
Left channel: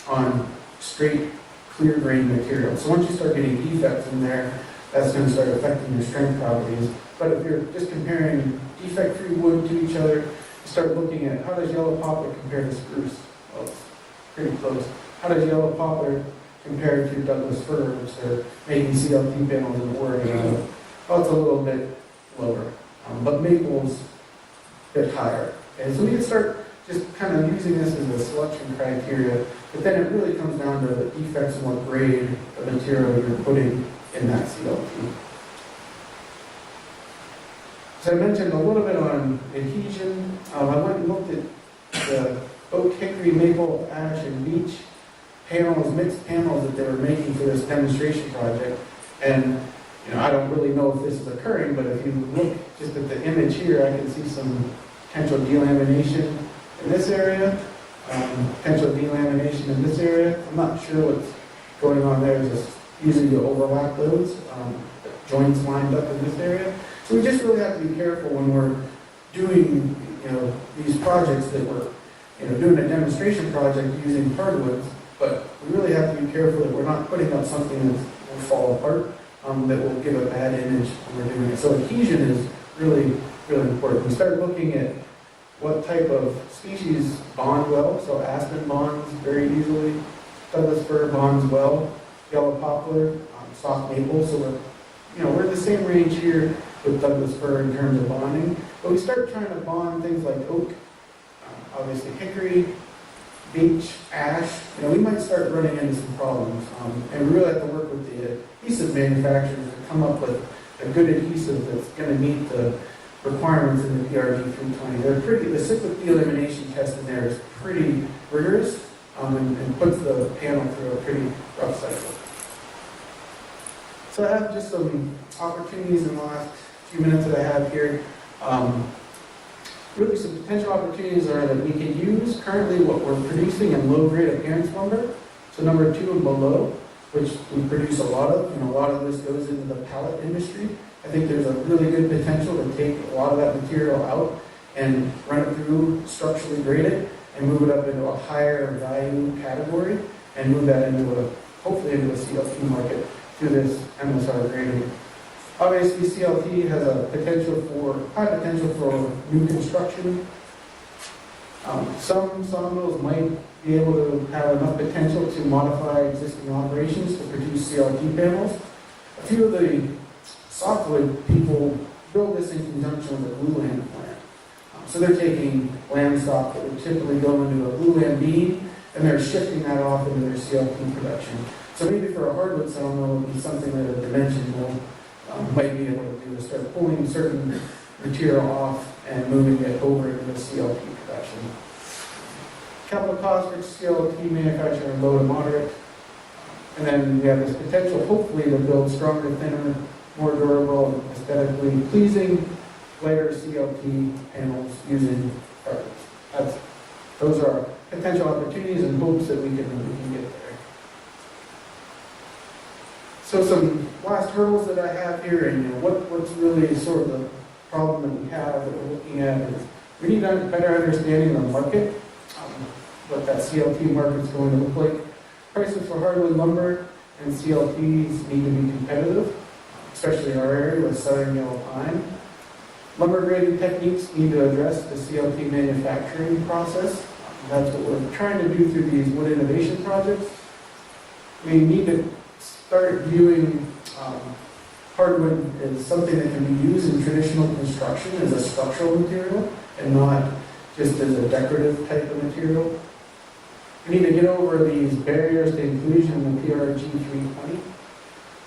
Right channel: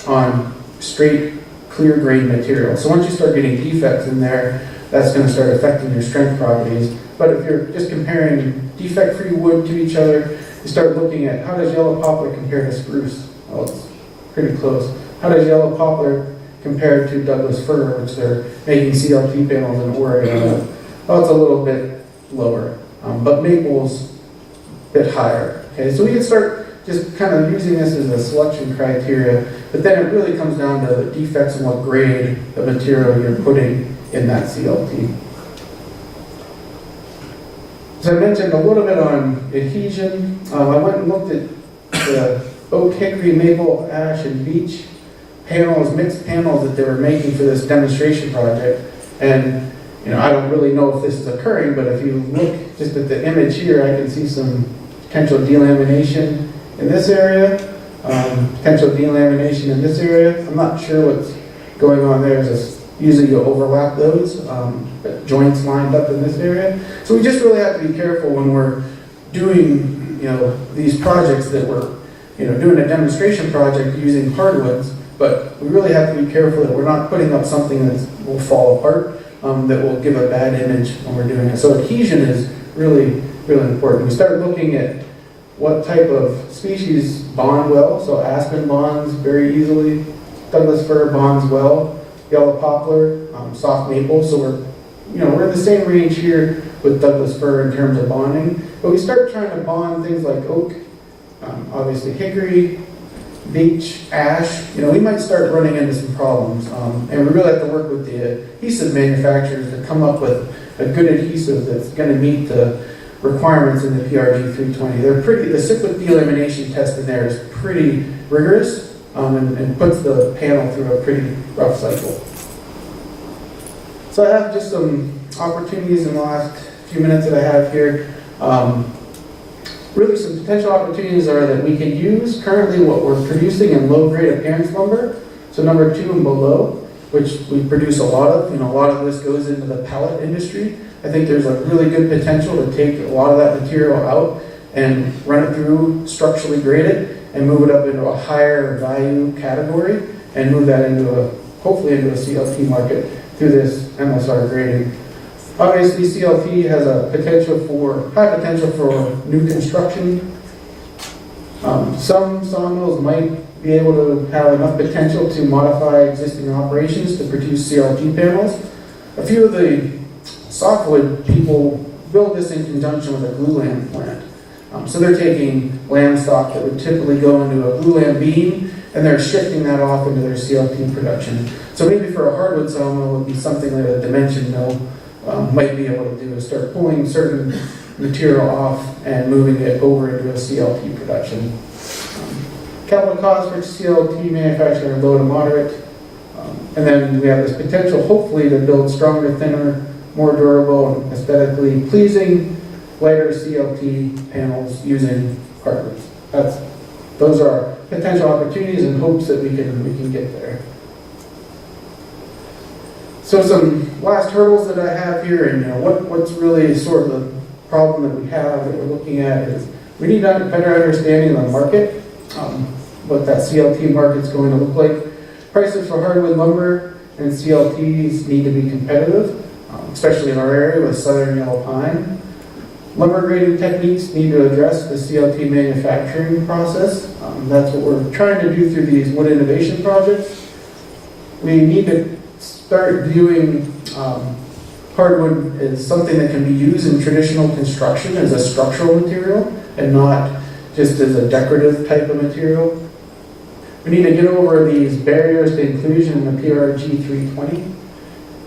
on straight clear grain material. So once you start getting defects in there, that's going to start affecting your strength properties. But if you're just comparing defect-free wood to each other, you start looking at how does yellow poplar compare to spruce? Well, it's pretty close. How does yellow poplar compare to Douglas fir, which they're making CLT panels in Oregon? Well, it's a little bit lower, but maple's a bit higher. Okay, so we can start just kind of using this as a selection criteria, but then it really comes down to the defects and what grade of material you're putting in that CLT. So I mentioned a little bit on adhesion. I went and looked at the oak, hickory, maple, ash, and beech panels, mixed panels that they were making for this demonstration project. And I don't really know if this is occurring, but if you look just at the image here, I can see some potential delamination in this area, potential delamination in this area. I'm not sure what's going on there. Usually you overlap those joints lined up in this area. So we just really have to be careful when we're doing these projects that we're doing a demonstration project using hardwoods, but we really have to be careful that we're not putting up something that will fall apart, that will give a bad image when we're doing it. So adhesion is really, really important. We start looking at what type of species bond well. So aspen bonds very easily, Douglas fir bonds well, yellow poplar, soft maple. So we're in the same range here with Douglas fir in terms of bonding. But we start trying to bond things like oak, obviously hickory, beech, ash. We might start running into some problems. And we really have to work with the adhesive manufacturers to come up with a good adhesive that's going to meet the requirements in the PRG 320. The cyclic delamination test in there is pretty rigorous and puts the panel through a pretty rough cycle. So I have just some opportunities in the last few minutes that I have here. Really some potential opportunities are that we can use currently what we're producing in low-grade appearance lumber, so number 2 and below, which we produce a lot of. A lot of this goes into the pallet industry. I think there's a really good potential to take a lot of that material out and run it through, structurally grade it, and move it up into a higher value category, and move that hopefully into a CLT market through this MSR grading. Obviously, CLT has a high potential for new construction. Some sawmills might be able to have enough potential to modify existing operations to produce CLT panels. A few of the softwood people build this in conjunction with a glulam plant. So they're taking lamb stock that would typically go into a glulam beam, and they're shifting that off into their CLT production. So maybe for a hardwood sawmill, it would be something that a dimension mill might be able to do, is start pulling certain material off and moving it over into a CLT production. Capital cost for CLT manufacturing are low to moderate. And then we have this potential, hopefully, to build stronger, thinner, more durable, and aesthetically pleasing, lighter CLT panels using hardwood. Those are potential opportunities and hopes that we can get there. So some last hurdles that I have here, and what's really sort of the problem that we have that we're looking at is we need a better understanding of the market, what that CLT market's going to look like. Prices for hardwood lumber and CLTs need to be competitive, especially in our area with southern yellow pine. Lumber grading techniques need to address the CLT manufacturing process. That's what we're trying to do through these wood innovation projects. We need to start viewing hardwood as something that can be used in traditional construction as a structural material and not just as a decorative type of material. We need to get over these barriers to inclusion in the PRG 320.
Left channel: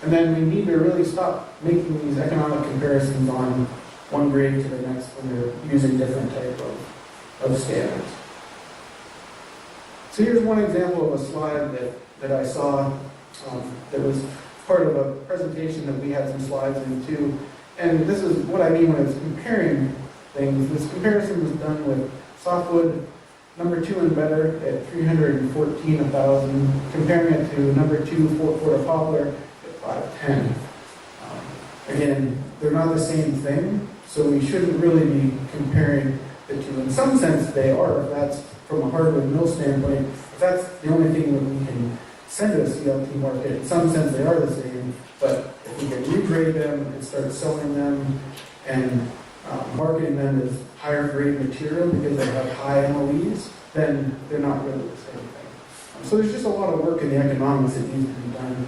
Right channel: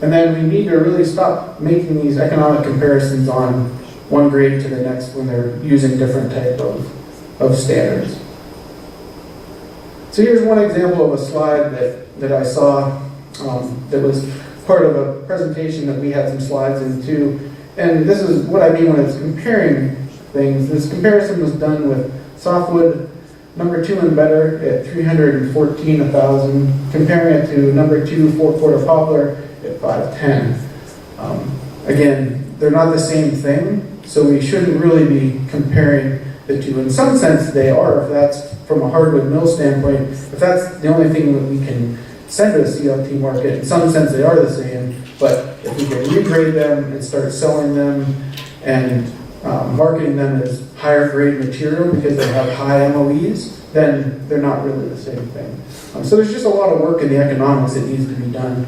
And then we need to really stop making these economic comparisons on one grade to the next when they're using different type of standards. So here's one example of a slide that I saw that was part of a presentation that we had some slides into. And this is what I mean when it's comparing things. This comparison was done with softwood number 2 and better at $314,000, comparing it to number 2 4-quarter poplar at $510,000. Again, they're not the same thing, so we shouldn't really be comparing the two. In some sense, they are, if that's from a hardwood mill standpoint. If that's the only thing that we can send to a CLT market, in some sense, they are the same. But if we can regrade them and start selling them and marketing them as higher grade material because they have high MOEs, then they're not really the same thing. So there's just a lot of work in the economics that needs to be done.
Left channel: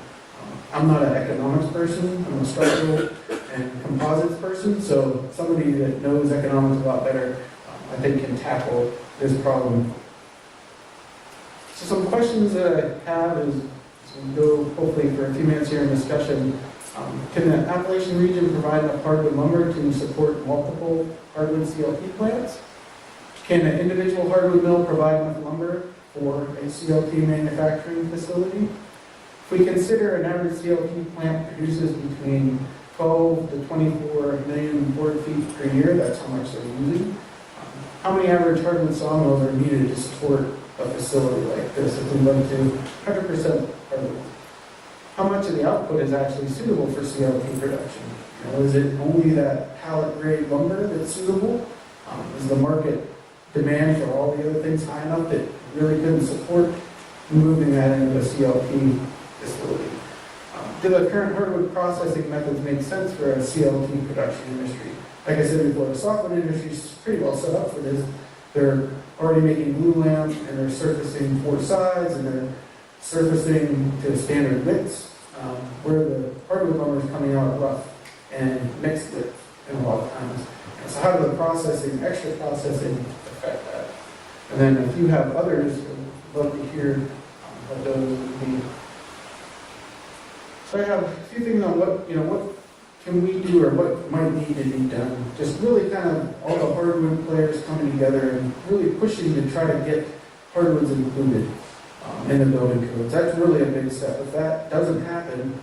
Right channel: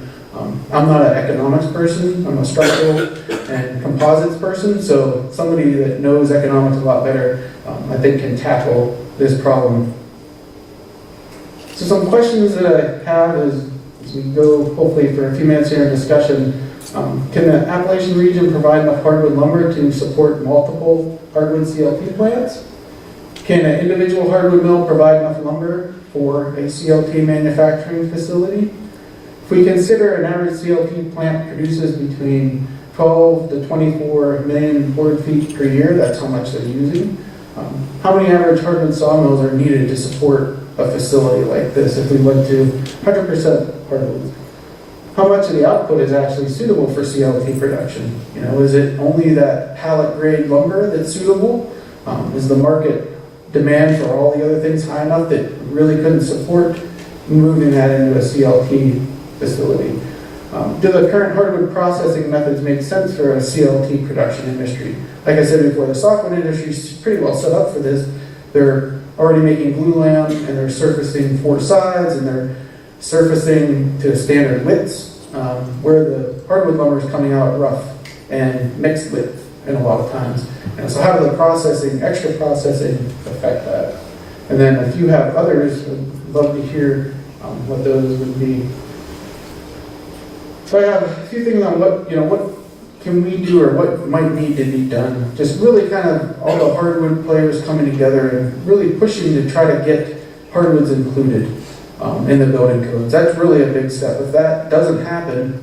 I'm not an economics person, I'm a structural and composites person, so somebody that knows economics a lot better, I think can tackle this problem. So some questions that I have is, as we go hopefully for a few minutes here in discussion, can the Appalachian region provide enough hardwood lumber to support multiple hardwood CLT plants? Can an individual hardwood mill provide enough lumber for a CLT manufacturing facility? If we consider an average CLT plant produces between 12 to 24 million board feet per year, that's how much they're using. How many average hardwood sawmills are needed to support a facility like this if we went to 100% hardwood? How much of the output is actually suitable for CLT production? Is it only that pallet grade lumber that's suitable? Is the market demand for all the other things high enough that really couldn't support moving that into a CLT facility? Do the current hardwood processing methods make sense for a CLT production industry? Like I said before, the softwood industry is pretty well set up for this. They're already making glulam, and they're surfacing 4 sides, and they're surfacing to standard widths, where the hardwood lumber is coming out rough and mixed width in a lot of times. And so how does the processing, extra processing, affect that? And then if you have others, I'd love to hear what those would be. So I have a few things on what can we do or what might need to be done. Just really kind of all the hardwood players coming together and really pushing to try to get hardwoods included in the building codes. That's really a big step. If that doesn't happen,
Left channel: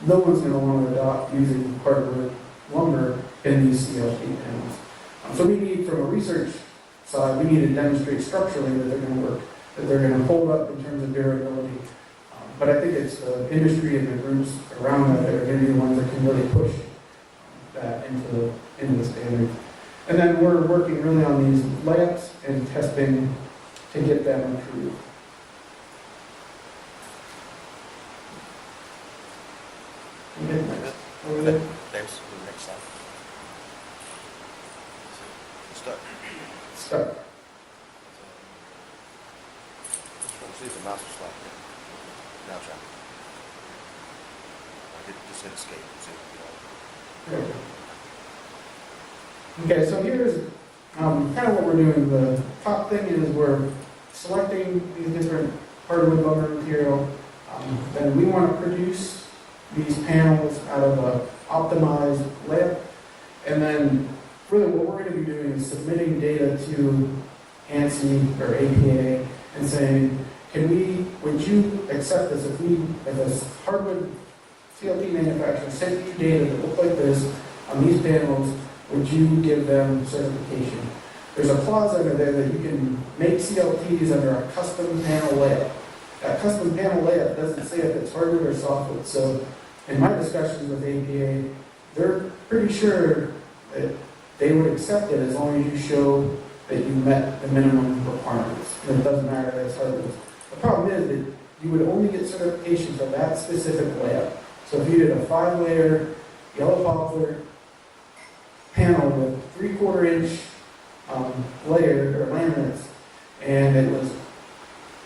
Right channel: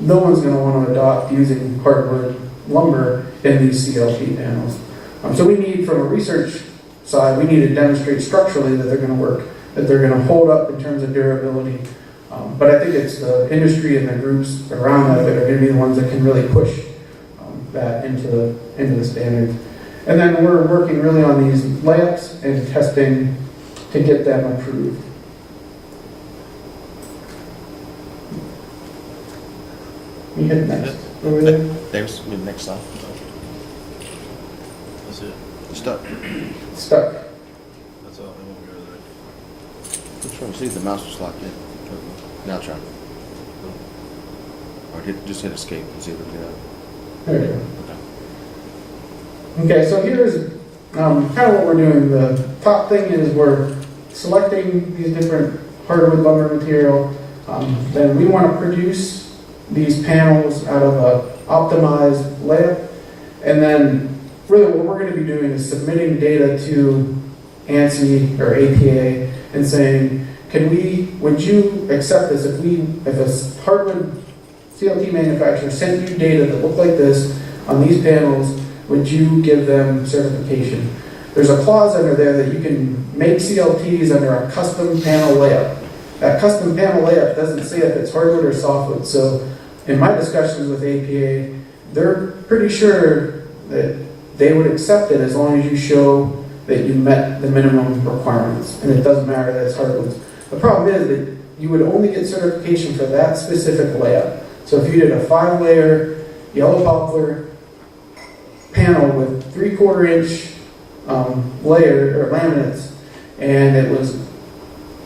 no one's going to want to adopt using hardwood lumber in these CLT panels. So we need, from a research side, we need to demonstrate structurally that they're going to work, that they're going to hold up in terms of durability. But I think it's the industry and the groups around that are going to be the ones that can really push that into the standards. And then we're working really on these layups and testing to get them approved. You hit next. Over there. There's the next slide. That's it. Stuck. Stuck. So I won't go there. Just trying to see if the mouse was locked in. Now try. Or just hit escape and see if we get out. There we go. Okay, so here's kind of what we're doing. The top thing is we're selecting these different hardwood lumber material. Then we want to produce these panels out of a optimized layout. And then really what we're going to be doing is submitting data to ANSI or APA and saying, would you accept this if a hardwood CLT manufacturer sent you data that looked like this on these panels, would you give them certification? There's a clause under there that you can make CLTs under a custom panel layout. That custom panel layout doesn't say if it's hardwood or softwood. So in my discussions with APA, they're pretty sure that they would accept it as long as you show that you met the minimum requirements. And it doesn't matter that it's hardwood. The problem is that you would only get certification for that specific layout. So if you did a 5-layer yellow poplar panel with 3/4 inch layer or laminates, and it was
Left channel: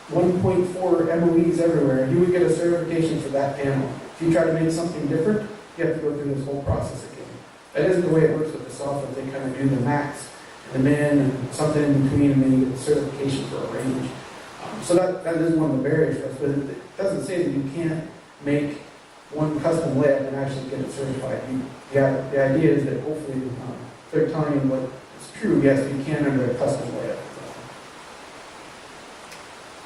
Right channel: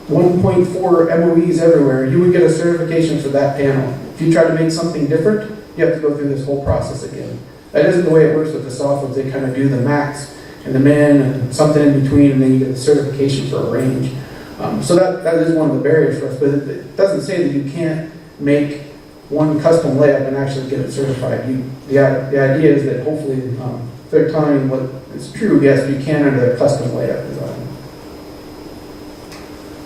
1.4 MOEs everywhere, you would get a certification for that panel. If you try to make something different, you have to go through this whole process again. That isn't the way it works with the softwoods. They kind of do the max and the min and something in between, and then you get the certification for a range. So that is one of the barriers for us, but it doesn't say that you can't make one custom layout and actually get it certified. The idea is that hopefully, if they're telling you what is true, yes, you can under the custom layout design.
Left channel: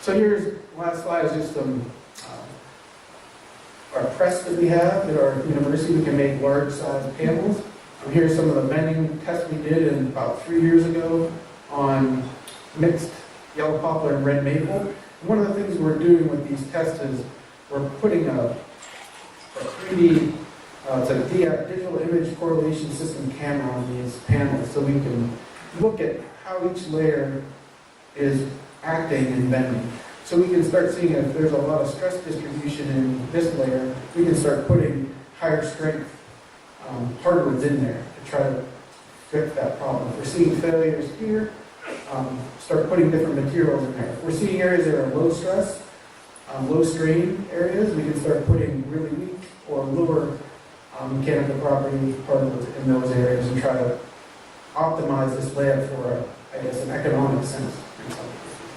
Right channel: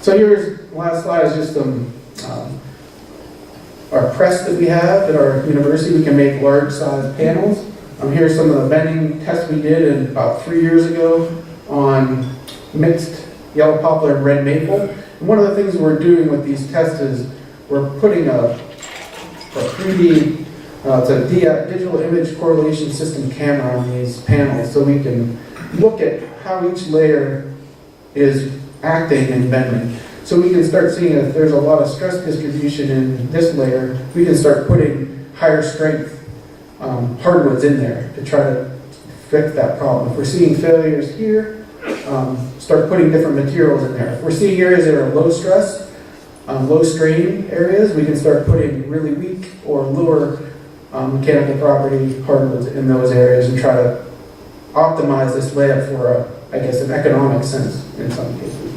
So here's, the last slide is just our press that we have at our university. We can make large size panels. Here's some of the bending tests we did about 3 years ago on mixed yellow poplar and red maple. And one of the things we're doing with these tests is we're putting a 3D, it's a digital image correlation system camera on these panels, so we can look at how each layer is acting and bending. So we can start seeing if there's a lot of stress distribution in this layer, we can start putting higher strength hardwoods in there to try to fix that problem. If we're seeing failures here, start putting different materials in there. If we're seeing areas that are low stress, low strain areas, we can start putting really weak or lower mechanical property hardwoods in those areas and try to optimize this layout for, I guess, an economic sense in some cases.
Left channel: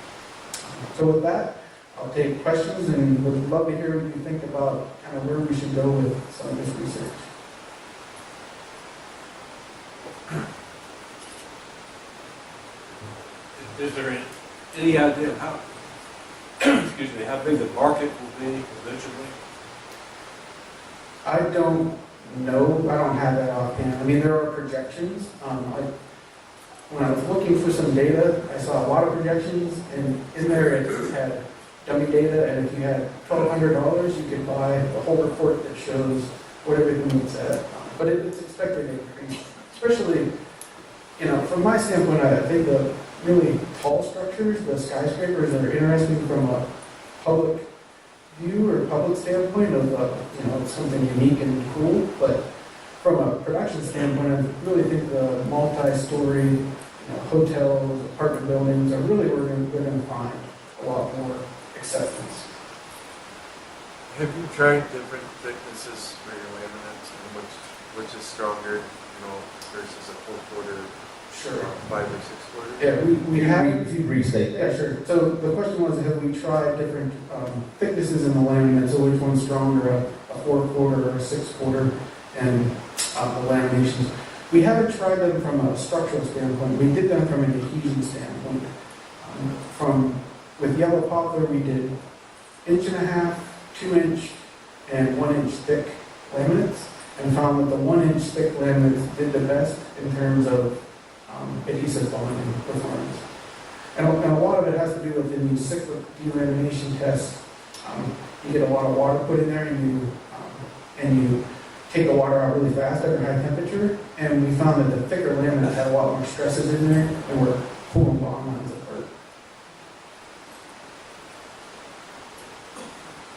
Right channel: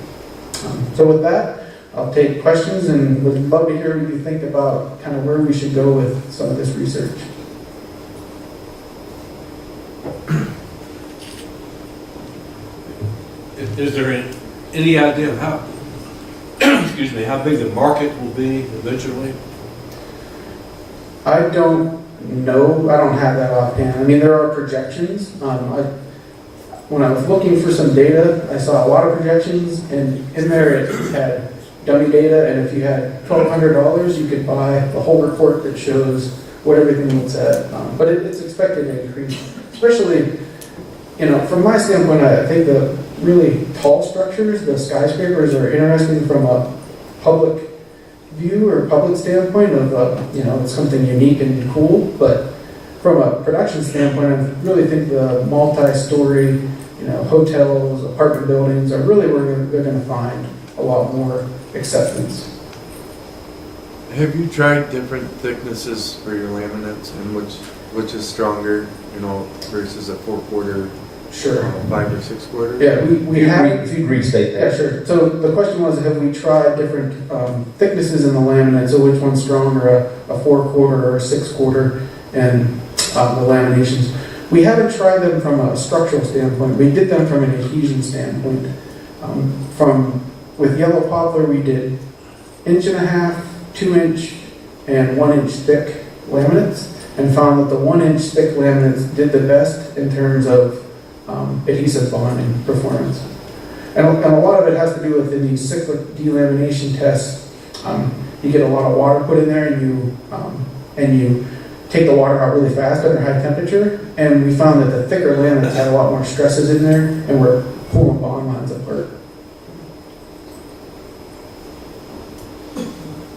So with that, I'll take questions and would love to hear what you think about kind of where we should go with some of this research. Is there any idea of how, excuse me, how big the market will be eventually? I don't know. I don't have that offhand. I mean, there are projections. When I was looking for some data, I saw a lot of projections, and in there it had dummy data, and if you had $1,200, you could buy the whole report that shows what everything looks at. But it's expected to increase, especially, from my standpoint, I think the really tall structures, the skyscrapers, are interesting from a public view or public standpoint of, it's something unique and cool. But from a production standpoint, I really think the multi-story, hotels, apartment buildings are really where they're going to find a lot more acceptance. Have you tried different thicknesses for your laminates and which is stronger, versus a 4/4? Sure. 5 or 6/4? Yeah, we have. If you restate that. Yeah, sure. So the question was, have we tried different thicknesses in the laminate? So which one's stronger, a 4/4 or a 6/4, and the laminations? We haven't tried them from a structural standpoint. We did them from an adhesion standpoint. With yellow poplar, we did 1.5 inch, 2 inch, and 1 inch thick laminates, and found that the 1 inch thick laminates did the best in terms of adhesive bonding performance. And a lot of it has to do with in these cyclic delamination tests. You get a lot of water put in there, and you take the water out really fast under high temperature, and we found that the thicker laminates had a lot more stresses in there, and were pulling bond lines apart.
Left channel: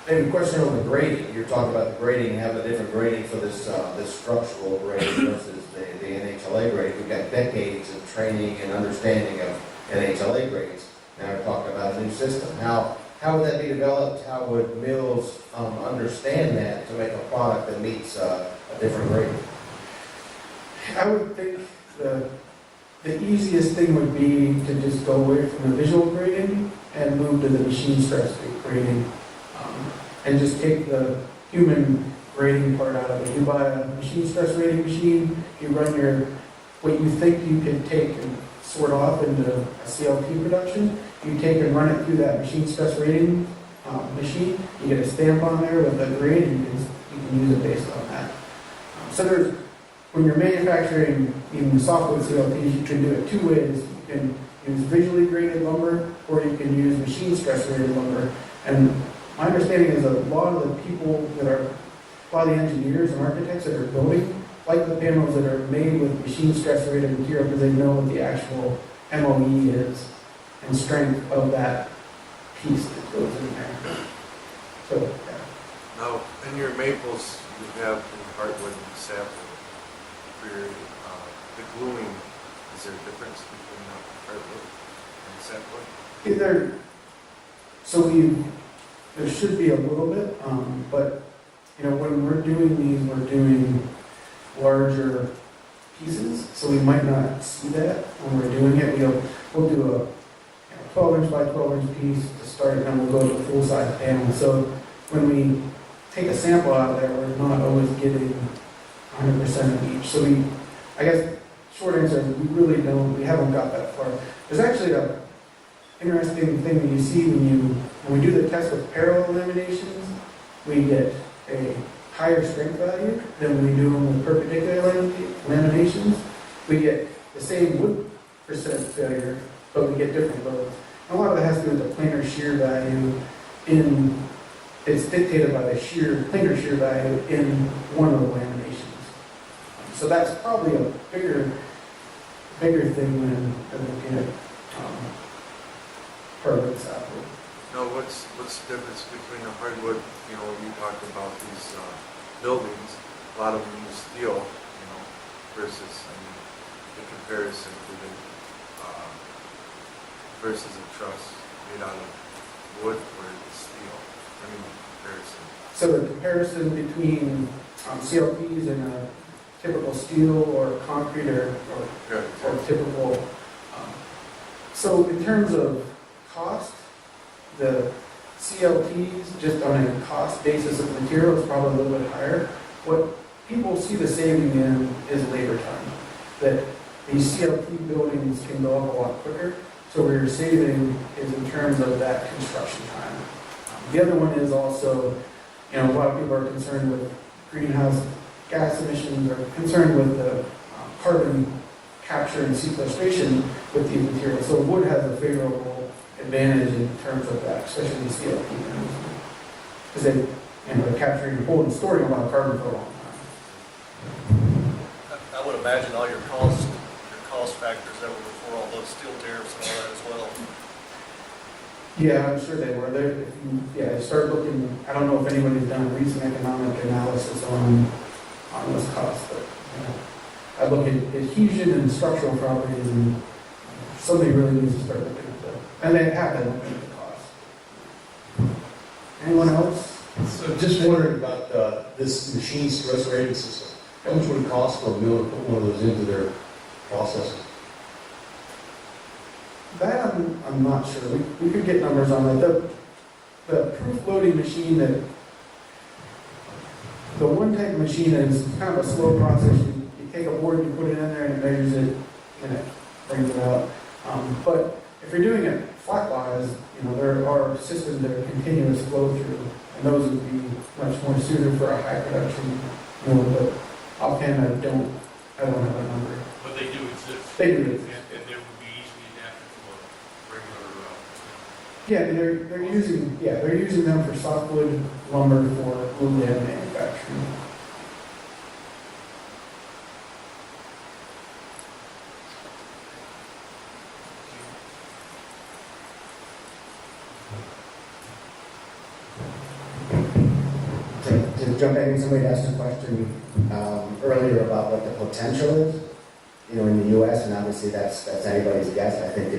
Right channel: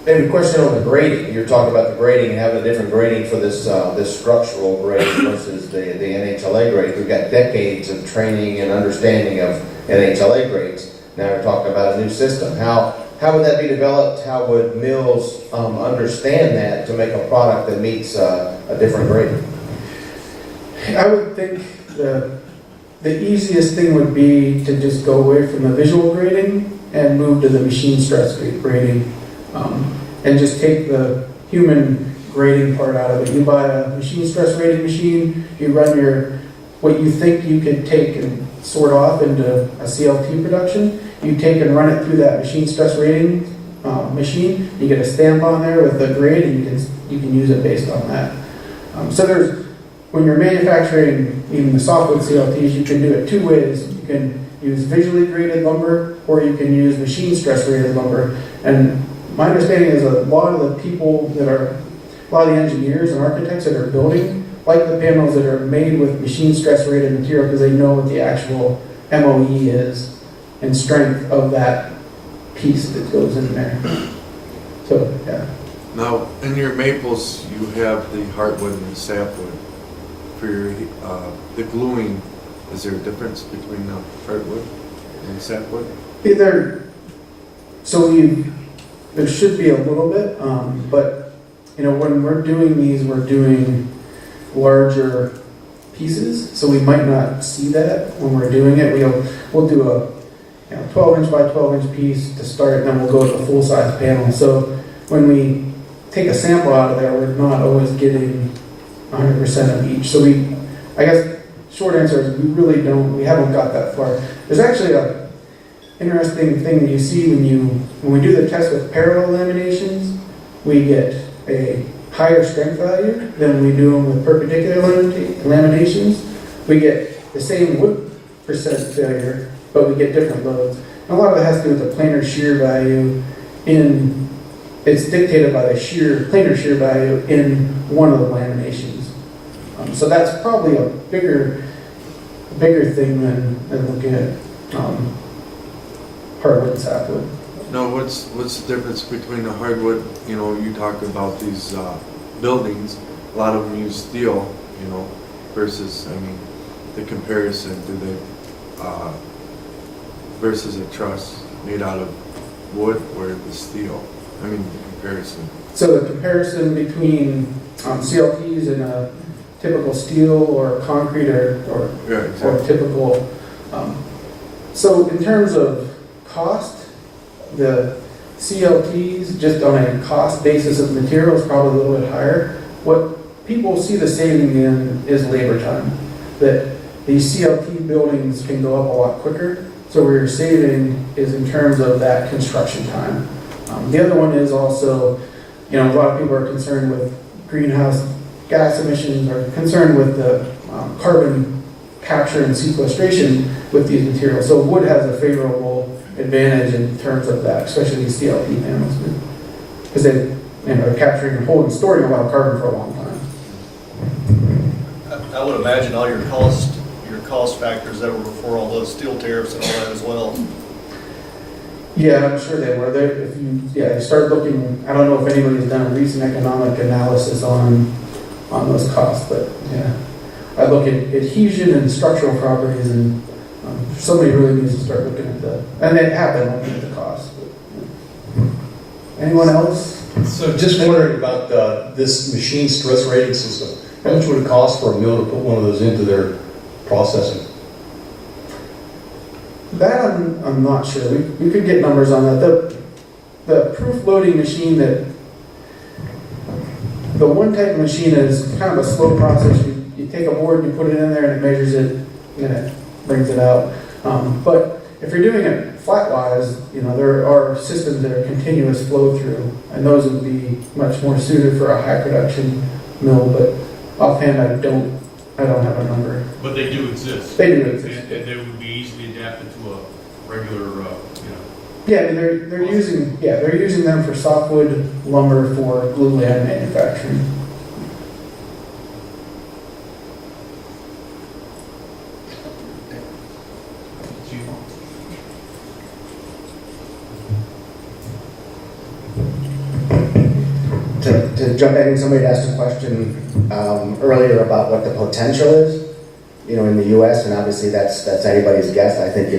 And a question on the grading. You're talking about the grading and having a different grading for this structural grade versus the NHLA grade. We've got decades of training and understanding of NHLA grades. Now we're talking about a new system. How would that be developed? How would mills understand that to make a product that meets a different grade? I would think the easiest thing would be to just go away from the visual grading and move to the machine stress grading, and just take the human grading part out of it. You buy a machine stress grading machine, you run what you think you could take and sort off into a CLT production, you take and run it through that machine stress rating machine, you get a stamp on there with the grade, and you can use it based on that. So when you're manufacturing even the softwood CLTs, you can do it two ways. You can use visually graded lumber, or you can use machine stress rated lumber. And my understanding is a lot of the a lot of the engineers and architects that are building like the panels that are made with machine stress rated material because they know what the actual MOE is and strength of that piece that goes in there. So, yeah. Now, in your maples, you have the hardwood and sapwood. For your, the gluing, is there a difference between the hardwood and sapwood? There should be a little bit, but when we're doing these, we're doing larger pieces, so we might not see that when we're doing it. We'll do a 12-inch by 12-inch piece to start, and then we'll go to a full-size panel. So when we take a sample out of there, we're not always getting 100% of each. So I guess, short answer is we haven't got that far. There's actually a interesting thing that you see when we do the test with parallel laminations, we get a higher strength value than we do with perpendicular laminations. We get the same wood percent failure, but we get different loads. And a lot of it has to do with the planar shear value it's dictated by the planar shear value in one of the laminations. So that's probably a bigger thing than looking at hardwood and sapwood. No, what's the difference between the hardwood, you talked about these buildings, a lot of them use steel, versus, the comparison to versus a truss made out of wood or the steel, the comparison. So the comparison between CLTs and a typical steel or concrete or typical, so in terms of cost, the CLTs, just on a cost basis of material, is probably a little bit higher. What people see the saving in is labor time. That these CLT buildings can go up a lot quicker. So where you're saving is in terms of that construction time. The other one is also, a lot of people are concerned with greenhouse gas emissions, or concerned with the carbon capture and sequestration with these materials. So wood has a favorable advantage in terms of that, especially these CLT panels, because they are capturing and holding, storing a lot of carbon for a long time. I would imagine all your cost factors that were before all those steel tariffs and all that as well. Yeah, I'm sure they were. If you start looking, I don't know if anybody's done a recent economic analysis on those costs, but yeah, I look at adhesion and structural properties, and somebody really needs to start looking at that. And they have been looking at the costs. Anyone else? So just wondering about this machine stress rating system. How much would it cost for a mill to put one of those into their processing? That I'm not sure. We could get numbers on that. The proof loading machine, the one type of machine is kind of a slow process. You take a board, you put it in there, and it measures it, and it brings it out. But if you're doing it flat-wise, there are systems that are continuous flow through, and those would be much more suited for a high production mill. But offhand, I don't have a number. But they do exist. They do exist. And they would be easily adapted to a regular, Yeah, they're using them for softwood lumber for glulam manufacturing. To jump in, somebody asked a question earlier about what the potential is, in the U.S., and obviously that's anybody's guess. I think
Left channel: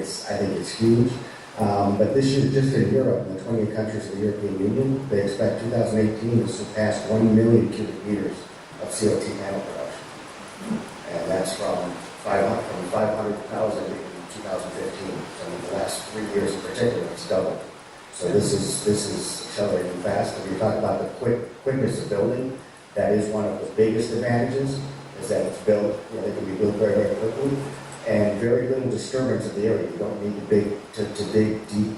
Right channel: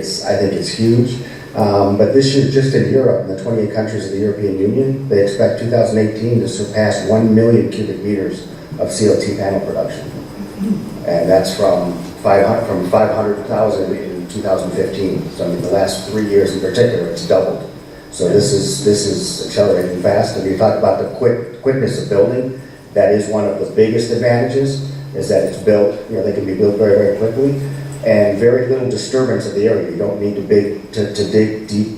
it's huge. But this year, just in Europe, in the 28 countries of the European Union, they expect 2018 to surpass 1 million cubic meters of CLT panel production. And that's from 500,000 in 2015. So in the last 3 years in particular, it's doubled. So this is accelerating fast. And we talk about the quickness of building. That is one of the biggest advantages, is that it's built, they can be built very, very quickly, and very little disturbance of the area. You don't need to dig deep,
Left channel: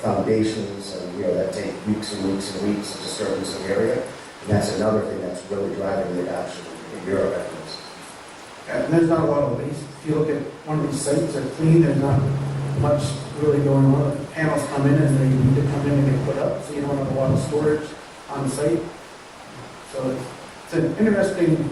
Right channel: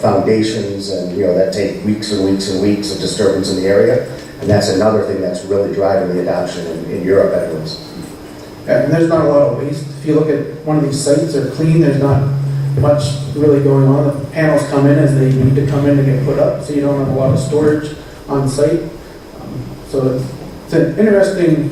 foundations, and, that take weeks and weeks and weeks of disturbance in the area. And that's another thing that's really driving the adoption in Europe, anyways. Yeah, and there's not a lot of waste. If you look at one of these sites, they're clean, there's not much really going on. The panels come in as they need to come in and get put up, so you don't have a lot of storage on site. So it's an interesting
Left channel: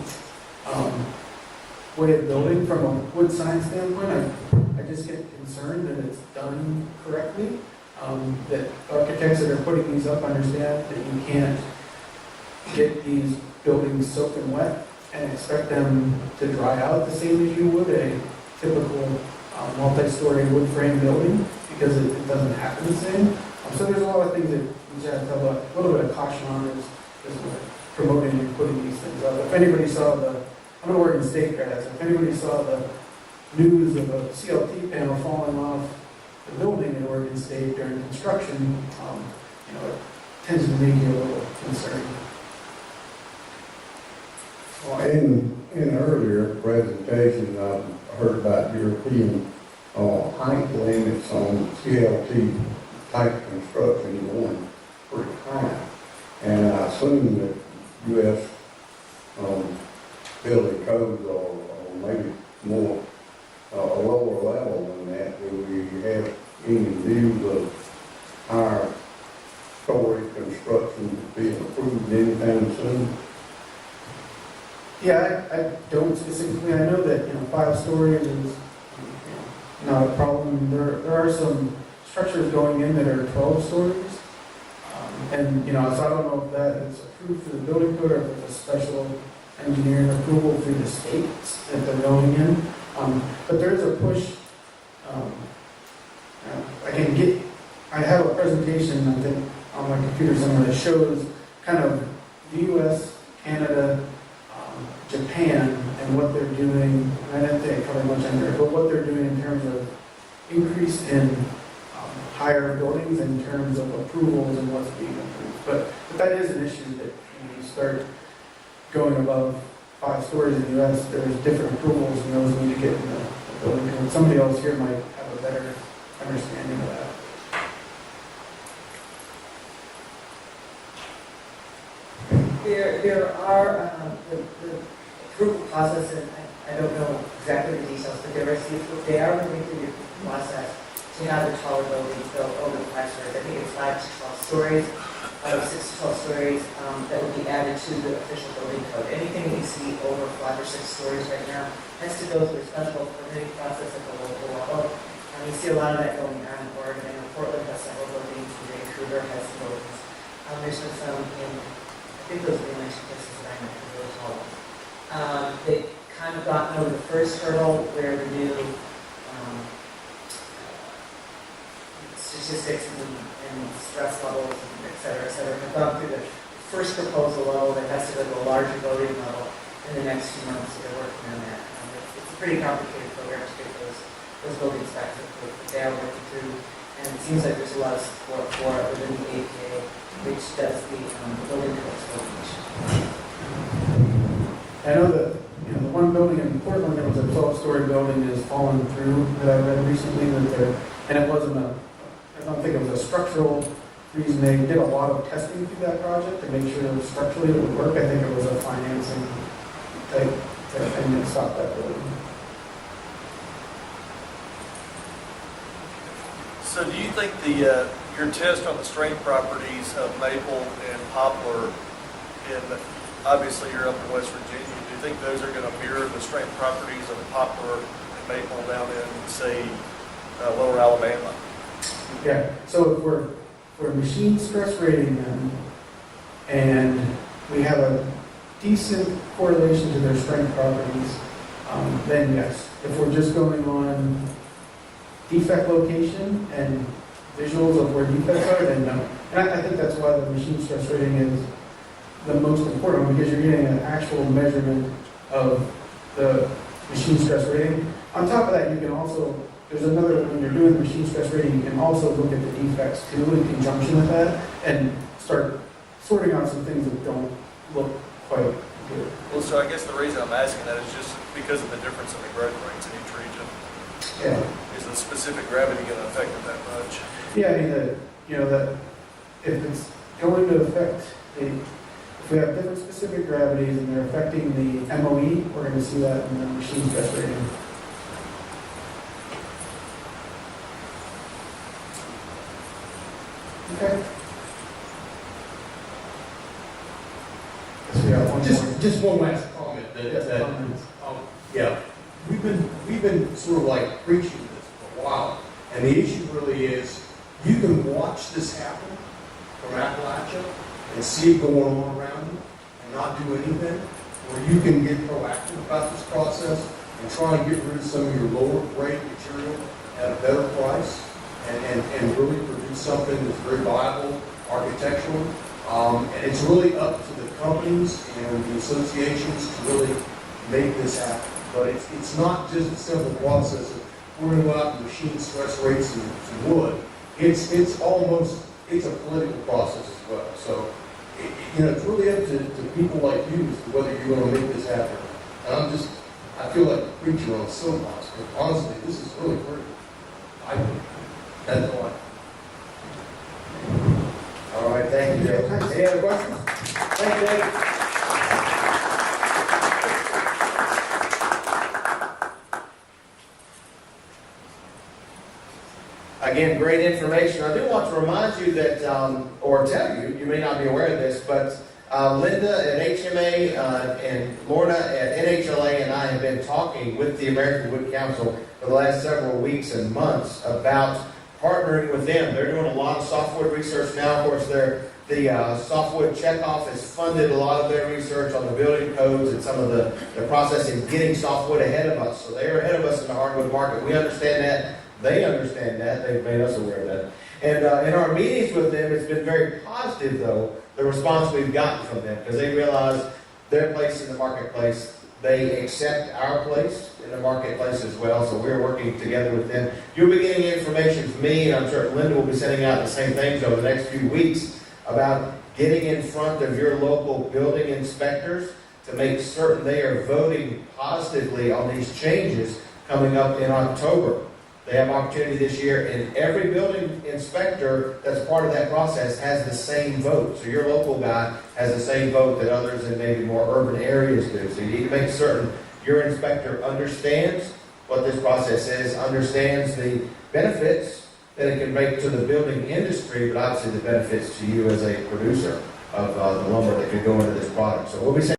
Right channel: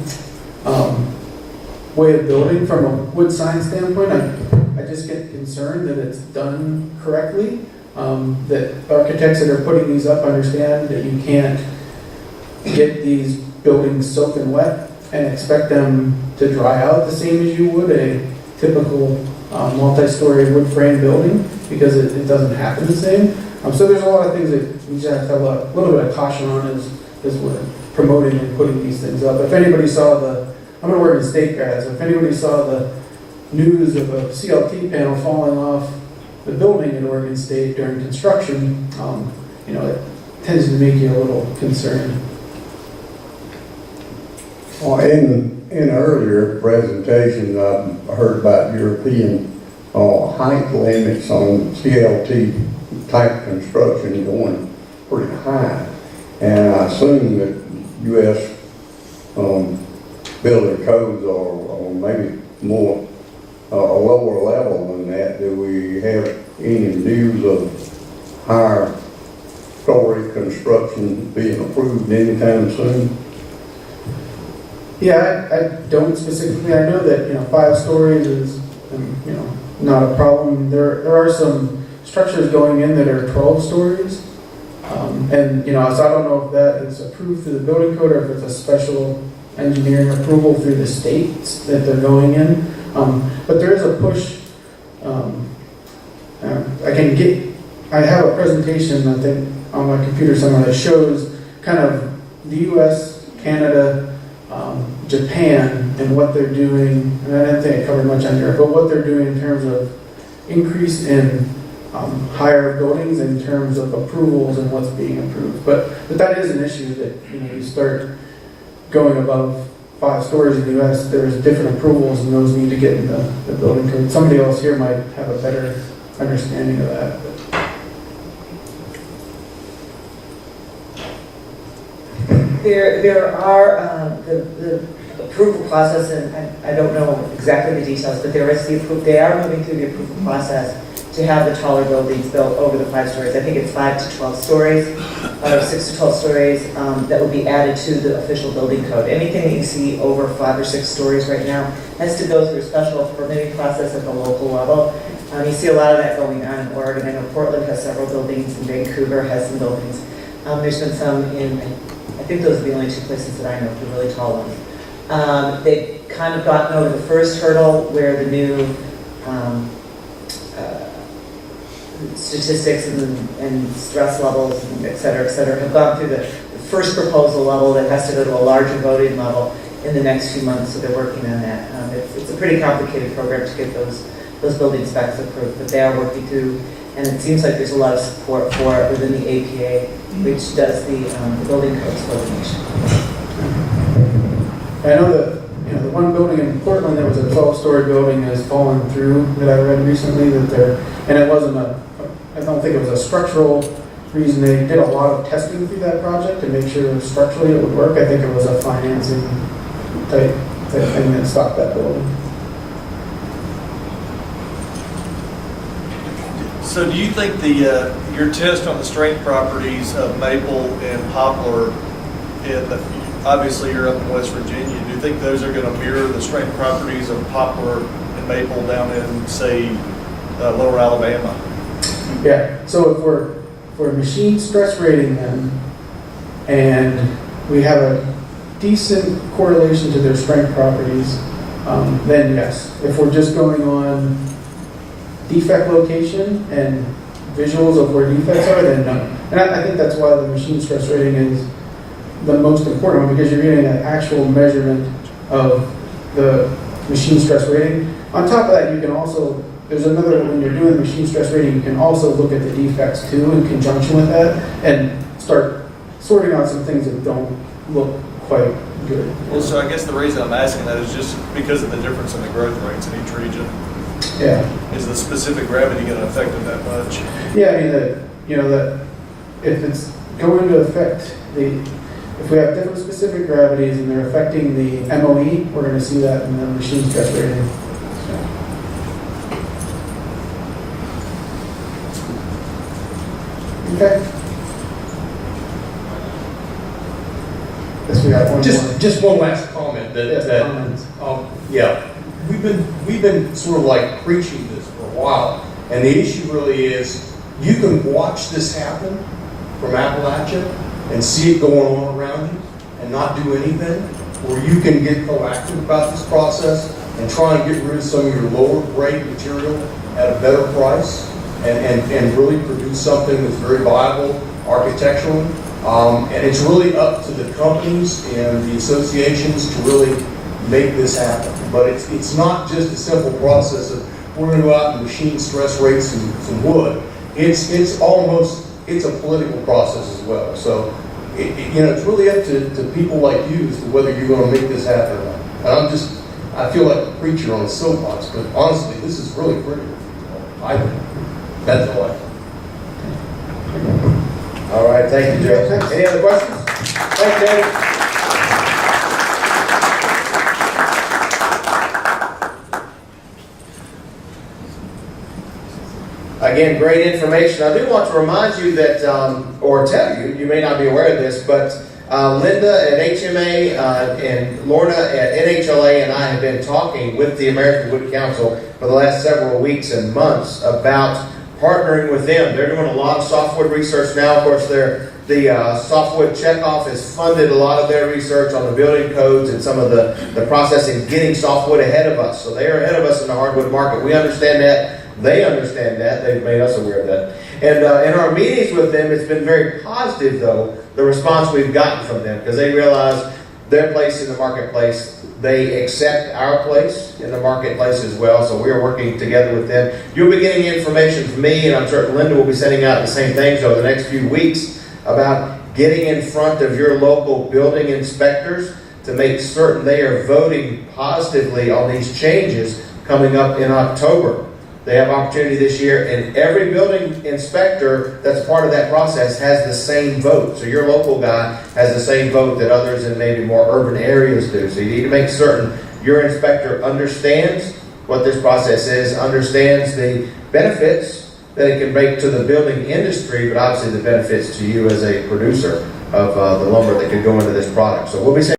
way of building from a wood sign standpoint. I just get concerned that it's done correctly, that architects that are putting these up understand that you can't get these buildings soaked and wet and expect them to dry out the same as you would a typical multi-story wood frame building, because it doesn't happen the same. So there's a lot of things that we just have to have a little bit of caution on as we're promoting and putting these things up. If anybody saw I'm going to work in state grads, if anybody saw the news of a CLT panel falling off the building in Oregon State during construction, it tends to make you a little concerned. In an earlier presentation, I heard about European height limits on CLT type construction going pretty high. And I assume that U.S. building codes are maybe more a lower level than that. Do we have any news of higher story construction being approved anytime soon? Yeah, I don't specifically. I know that 5 stories is not a problem. There are some structures going in that are 12 stories, and so I don't know if that is approved through the building code or if it's a special engineering approval through the states that they're going in. But there is a push. I have a presentation, I think, on my computer somewhere that shows kind of the U.S., Canada, Japan, and what they're doing. And I didn't think I covered much on Europe, but what they're doing in terms of increase in higher buildings, in terms of approvals and what's being approved. But that is an issue that you start going above 5 stories in the U.S., there's different approvals, and those need to get in the building code. Somebody else here might have a better understanding of that. There are the approval process, and I don't know exactly the details, but they are moving through the approval process to have the taller buildings built over the 5 stories. I think it's 5 to 12 stories, or 6 to 12 stories, that will be added to the official building code. Anything that you see over 5 or 6 stories right now has to go through a special permitting process at the local level. You see a lot of that going on in Oregon. I know Portland has several buildings, and Vancouver has some buildings. There's been some I think those are the only 2 places that I know for really tall ones. They've kind of gotten over the first hurdle where the new statistics and stress levels, and et cetera, have gone through the first proposal level that has to go to a larger voting level in the next few months, so they're working on that. It's a pretty complicated program to get those building specs approved, but they are working through, and it seems like there's a lot of support for it within the APA, which does the building codes coordination. I know that the one building in Portland, there was a 12-story building that has fallen through that I read recently, and it wasn't I don't think it was a structural reason. They did a lot of testing through that project to make sure structurally it would work. I think it was a financing type thing that stopped that building. So do you think your test on the strength properties of maple and poplar, obviously you're up in West Virginia, do you think those are going to mirror the strength properties of poplar and maple down in, say, Lower Alabama? Yeah, so if we're machine stress rating them, and we have a decent correlation to their strength properties, then yes. If we're just going on defect location and visuals of where defects are, then no. And I think that's why the machine stress rating is the most important one, because you're getting an actual measurement of the machine stress rating. On top of that, you can also, there's another, when you're doing the machine stress rating, you can also look at the defects too in conjunction with that and start sorting out some things that don't look quite good. Well, so I guess the reason I'm asking that is just because of the difference in the growth rates in each region. Yeah. Is the specific gravity going to affect them that much? Yeah, I mean, that if it's going to affect if we have different specific gravities and they're affecting the MOE, we're going to see that in the machine stress rating. Okay. Guess we got one more. Just one last comment Yes, that, comments. yeah, we've been sort of like preaching this for a while, and the issue really is, you can watch this happen from Appalachia and see it going on around you and not do anything, or you can get proactive about this process and try and get rid of some of your lower grade material at a better price and really produce something that's very viable architecturally. And it's really up to the companies and the associations to really make this happen. But it's not just a simple process of, we're going to go out and machine stress rate some wood. It's a political process as well. So, it's really up to people like you as to whether you're going to make this happen or not. And I feel like a preacher on a soapbox, but honestly, this is really critical. I think. That's all I think. All right, thank you, Joe. Any other questions? Thank you, David. Again, great information. I do want to remind you that, or tell you, you may not be aware of this, but Linda at HMA and Lorna at NHLA and I have been talking with the American Wood Council for the last several weeks and months about partnering with them. They're doing a lot of softwood research now. Of course, the softwood checkoff has funded a lot of their research on the building codes and some of the processing, getting softwood ahead of us. So they are ahead of us in the hardwood market. We understand that. They understand that. They've made us aware of that. And in our meetings with them, it's been very positive, though, the response we've gotten from them, because they realize their place in the marketplace. They accept our place in the marketplace as well, so we're working together with them. You'll be getting information from me, and I'm certain Linda will be sending out the same things over the next few weeks about getting in front of your local building inspectors to make certain they are voting positively on these changes coming up in October. They have opportunity this year, and every building inspector that's part of that process has the same vote. So your local guy has the same vote that others in maybe more urban areas do. So you need to make certain your inspector understands what this process is, understands the benefits that it can bring to the building industry, but obviously the benefits to you as a producer of the lumber that could go into this product. So we'll be